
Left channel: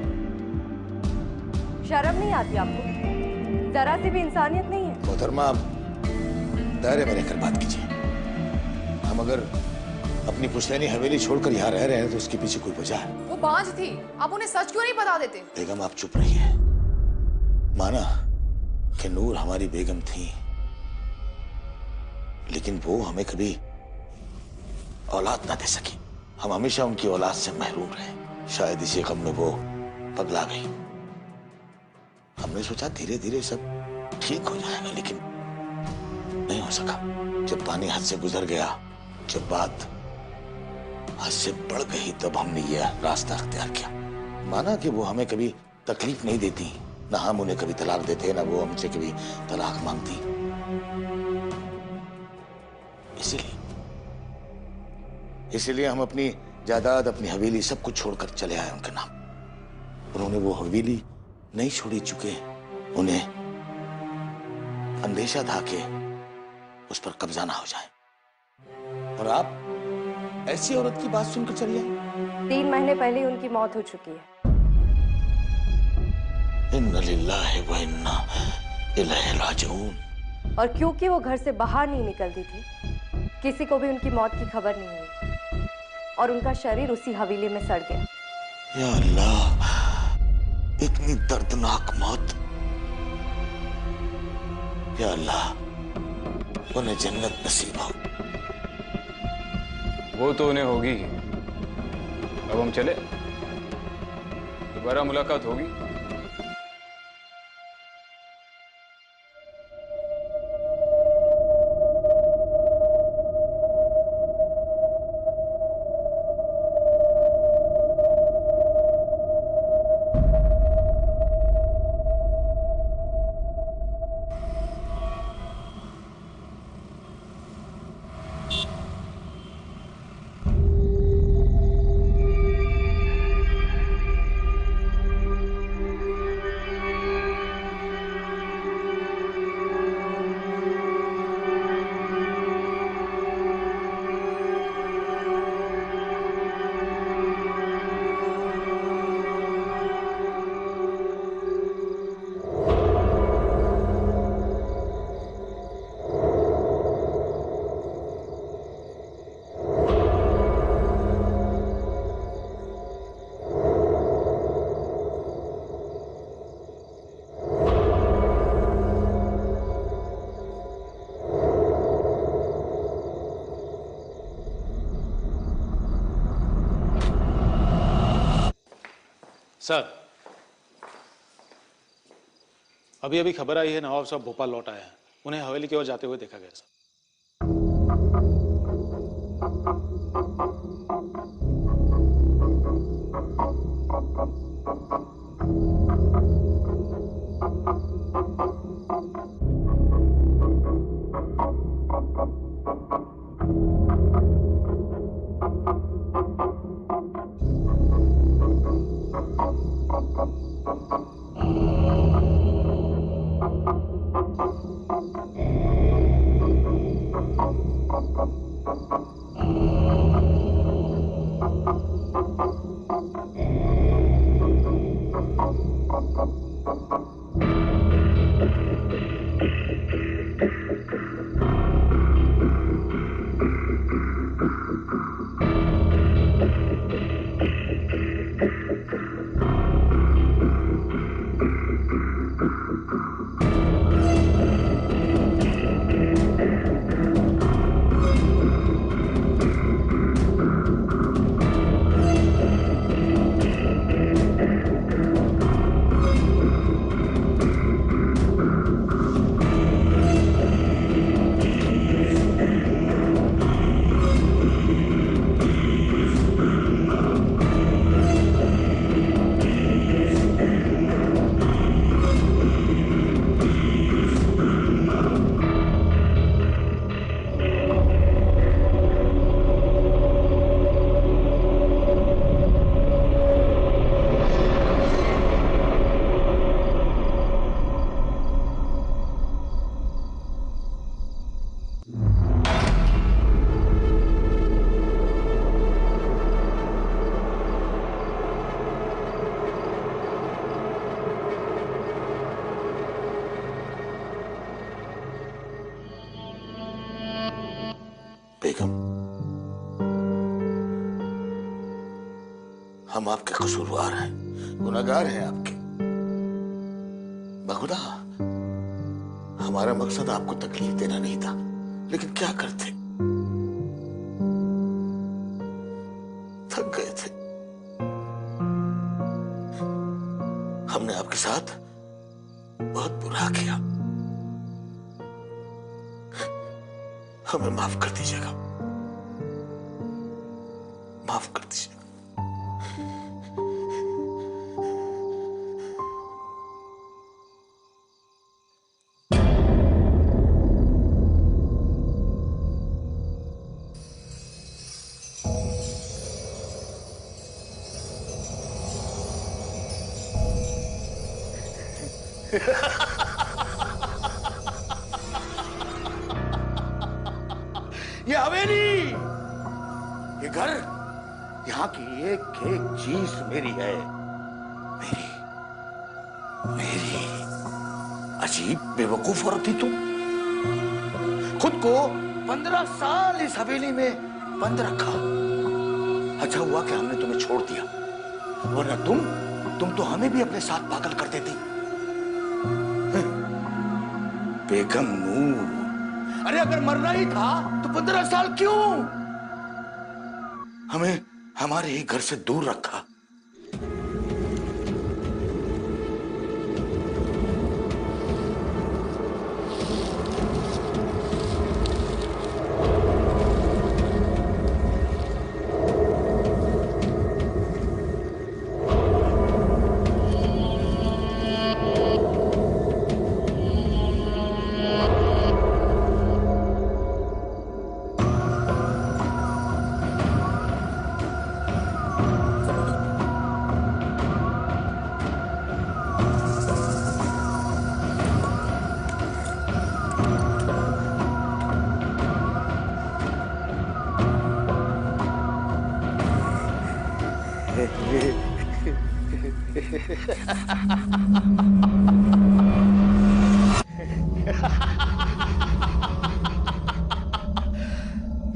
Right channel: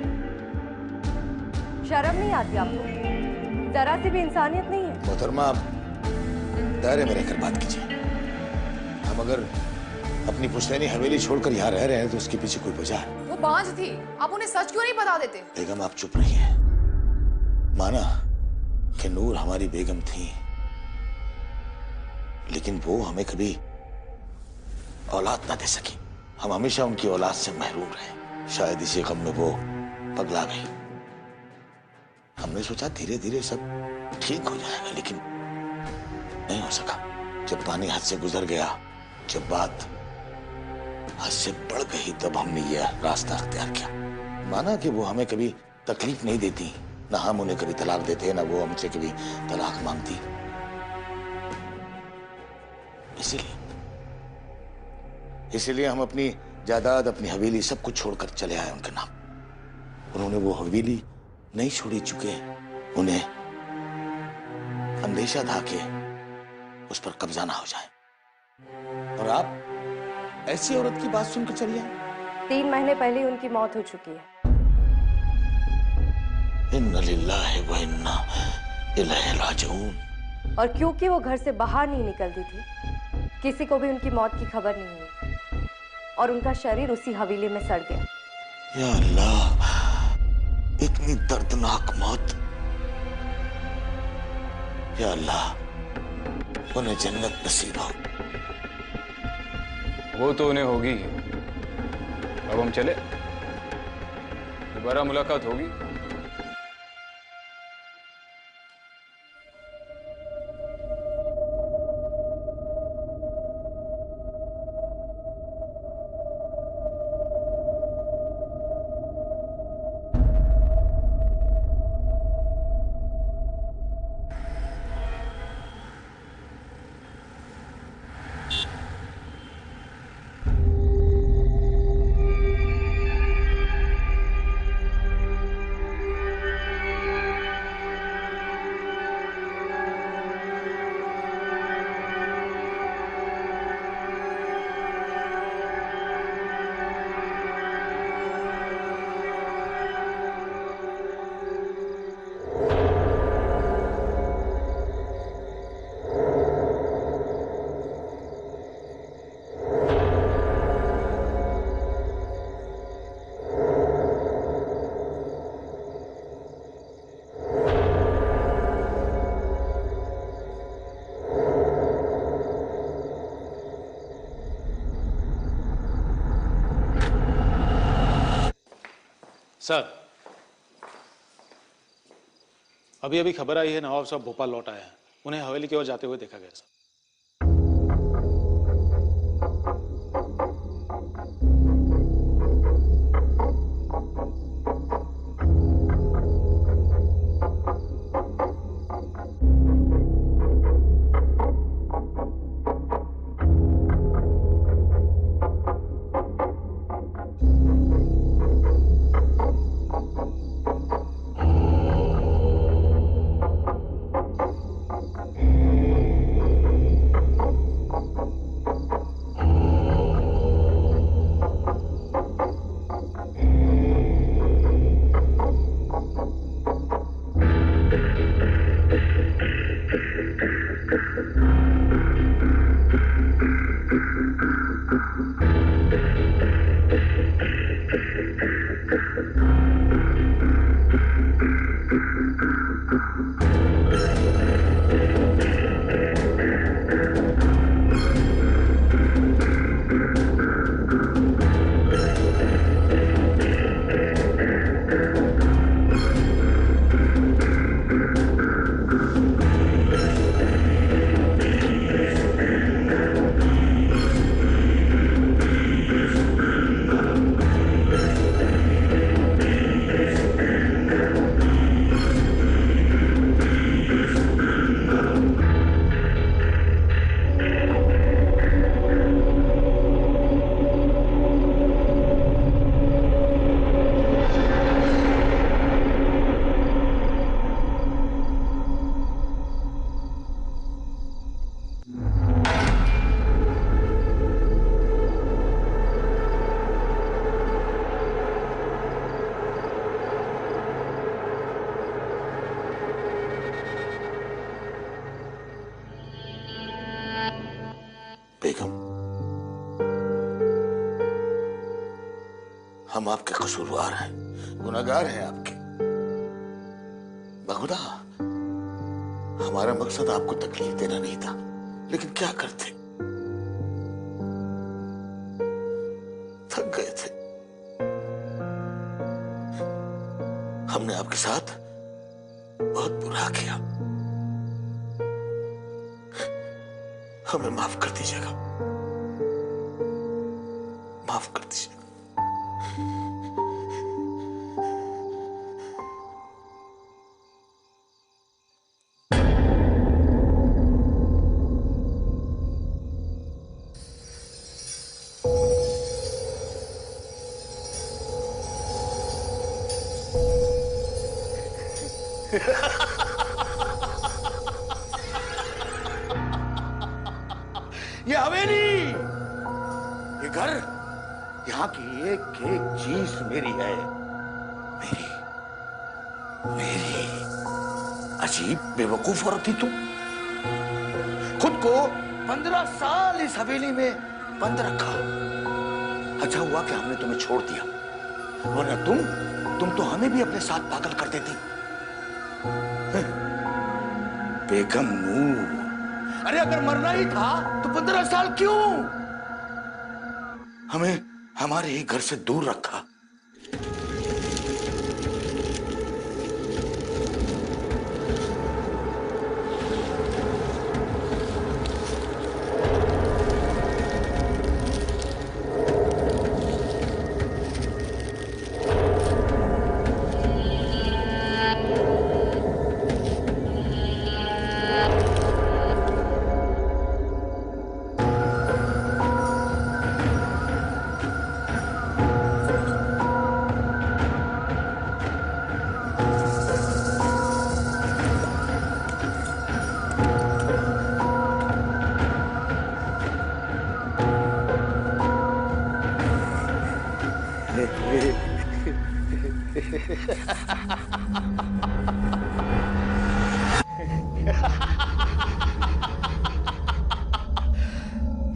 शर्म नहीं आती आपको? जरा सी भी इंसानियत नहीं है? मोहतरमा, दायरे में रहकर बात कीजिए। हम अगर अपनी पुश्तैनी हवेली छोड़कर यहाँ रह रहे हैं तो उसके पीछे कोई वजह है। वो बांझ थी, आप उन्हें सच क्यों नहीं बता देते? बेगम आप चुप रहिए। माना कि नूर हमारी बेगम थी, लेकिन वो हमें कभी औलाद ना दे सकी। हम हमेशा उनकी औलाद से महरूम रहे। शायद इसी गम में वो पगला गई। हमने सोचा धीरे धीरे सब ठीक हो जाएगा, लेकिन नहीं हो सका। जब पानी हद से गुजर गया, जब बात हद से बढ़ गई, तब हमने यह रास्ता अख्तियार किया। माना कि वो हमें कभी तकलीफ नहीं देती, ना हम उन्हें कभी तलाक देते, ना वो हमसे कभी तलाक मांगती। इसीलिए हम अपनी जायदाद, अपनी हवेली सब कुछ छोड़कर चले आए उनके नाम। उन्होंने वो हवेली नहीं छोड़ी, चुके उन्हें अंदेशा था कि उस पर कब्जा ना हो जाए। और आप ऐसी औरत की बात सुनकर चली आई। 3 महीने पहले उनकी मौत हो चुकी है। इन्ना लिल्लाहि व इन्ना इलैहि राजिऊन। और क्योंकि वो घर से बाहर नहीं निकलती थी, किसी को भी उनकी मौत की खबर नहीं हुई और उनका शरीर उसी हवेली में सड़ गया। या अल्लाह, इतनी दर्दनाक मौत। या अल्लाह, उन्हें जन्नत नसीब हो। वो तो उन्हें होगी। अब हम चले, दोबारा मुलाकात होगी। सर, अभी अभी खबर आई है नवाब साहब भोपाल लौट आए हैं। उन्हें हवेली की ओर जाते हुए देखा गया सर। हम आपके कसूरवार हैं, गुनहगार हैं आपके। बहुधा हमारा मकसद आपको तकलीफ देना नहीं था, लेकिन क्या करते, थक गए थे। हमने आपके साथ बहुत बुरा किया, हमें माफ कर दीजिएगा, माफ कर दीजिएगा। ये हवेली, ये घर, यहाँ की एक एक चीज मेरी है, मेरी मेरी। अजीब बेवकूफ औरत थी तुम, खुद को 15 साल इस हवेली में बंद रखा। अच्छा हुआ कि हमने तुम्हें छोड़ दिया, वरना तुम तो हमें भी अपने साथ पागल कर देती। बेगम नूर, अरे अगर मरना ही था तो 15 साल क्यों हमें हमारे ही घर से दूर रखा?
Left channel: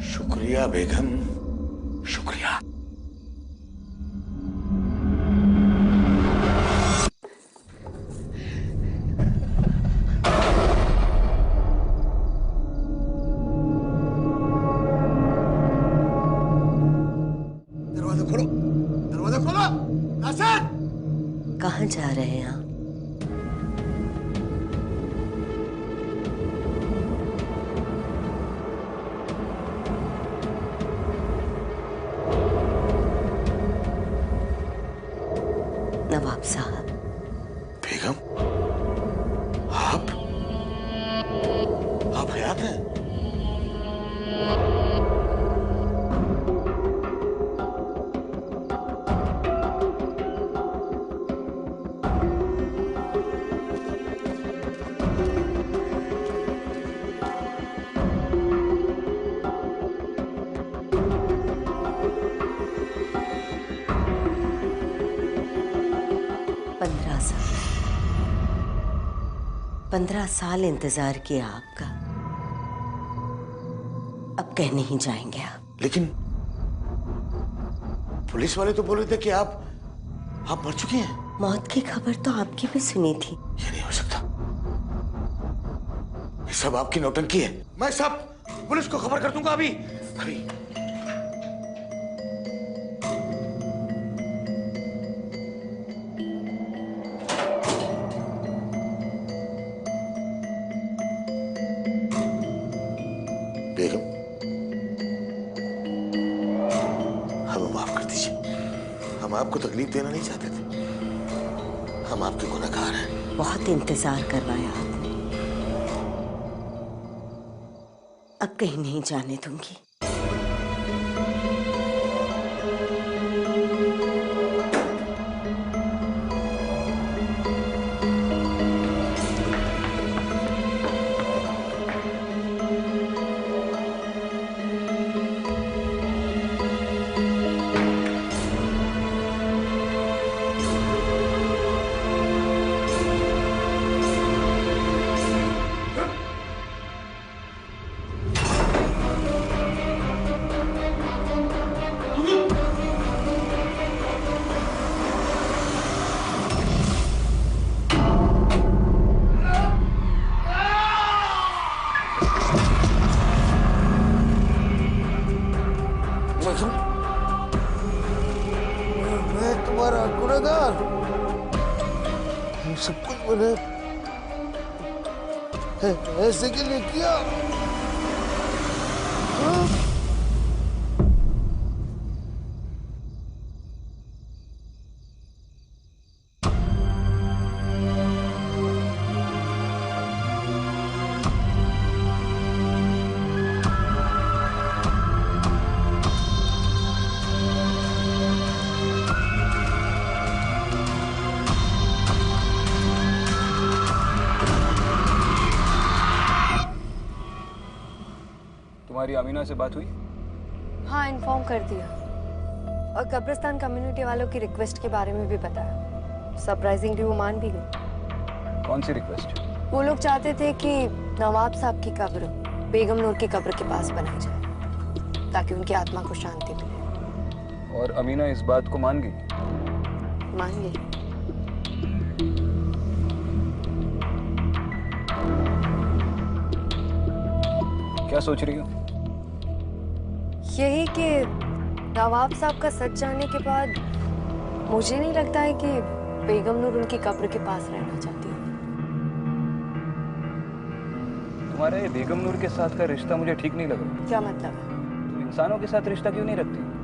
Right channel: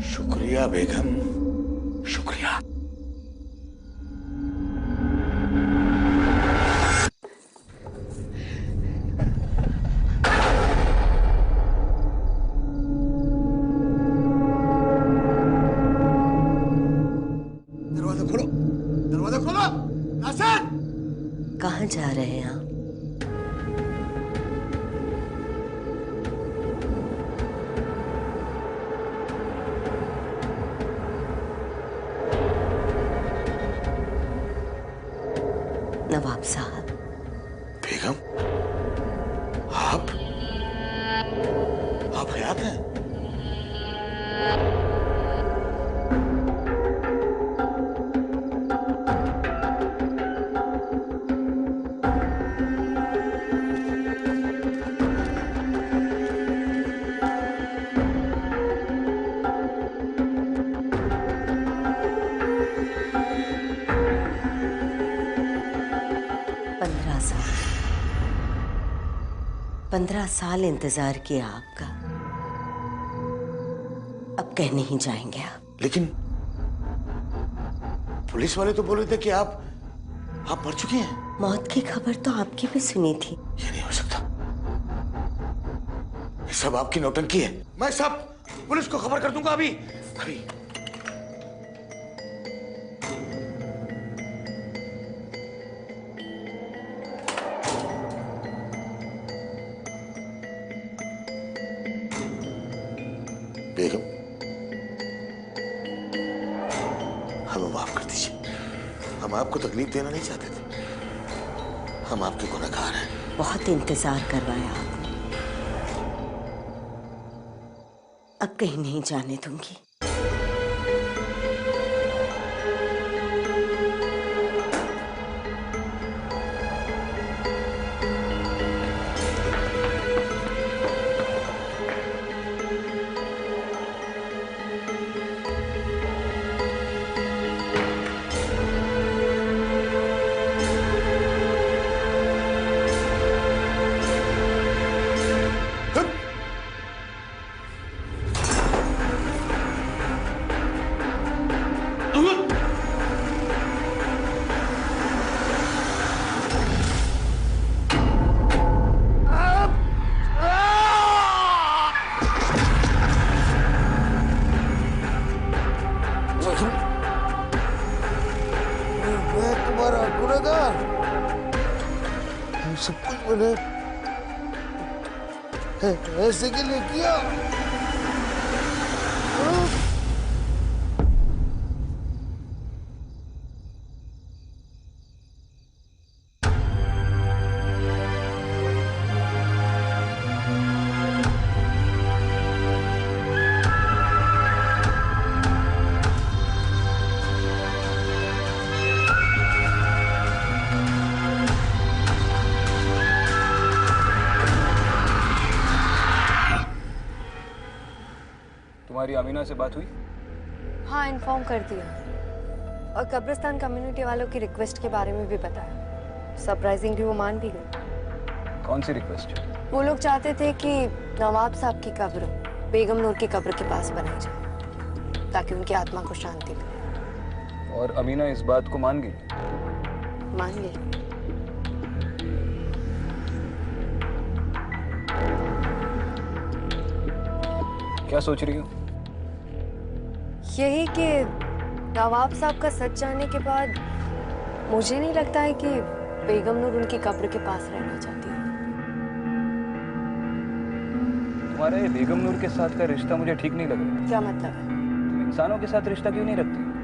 शुक्रिया बेगम, शुक्रिया। दरवाजा खोलो, दरवाजा खोलो। नासिर, कहाँ जा रहे हैं आप? नवाब साहब। बेगम, आप हयात हैं? साल 15 साल इंतजार किया आपका, अब कह नहीं जाएंगे आप। लेकिन पुलिस वाले तो बोल रहे थे कि आप मर चुकी हैं। मौत की खबर तो आपकी भी सुनी थी। ये नहीं हो सकता, ये सब आपकी नौटंकी है। मैं सब पुलिस को खबर कर दूंगा अभी अभी। बेगम, हमें माफ कर दीजिए, हम आपको तकलीफ देना नहीं चाहते थे, हम आपके गुनहगार हैं। बहुत इंतजार करवाया आपने, अब कहीं नहीं जाने दूंगी। पहरेदार, ये सब कुछ मैंने ऐसे के लिए किया। तुम्हारी अमीना से बात हुई? हाँ, इन्फॉर्म कर दिया और कब्रिस्तान कम्युनिटी वालों की रिक्वेस्ट के बारे में भी बताया। सरप्राइजिंगली वो मान भी गई। कौन सी रिक्वेस्ट? वो लोग चाहते थे कि नवाब साहब की कब्र बेगम नूर की कब्र के पास बनाई जाए ताकि उनकी आत्मा को शांति मिले। और अमीना इस बात को मान गई? मान गई। क्या सोच रही हो? यही कि नवाब साहब का सच जानने के बाद मुझे नहीं लगता है कि बेगम नूर उनकी कब्र के पास रहना चाहती है। तुम्हारा ये बेगम नूर के साथ का रिश्ता मुझे ठीक नहीं लग रहा है। क्या मतलब है? तुम इंसानों के साथ रिश्ता क्यों नहीं रखती?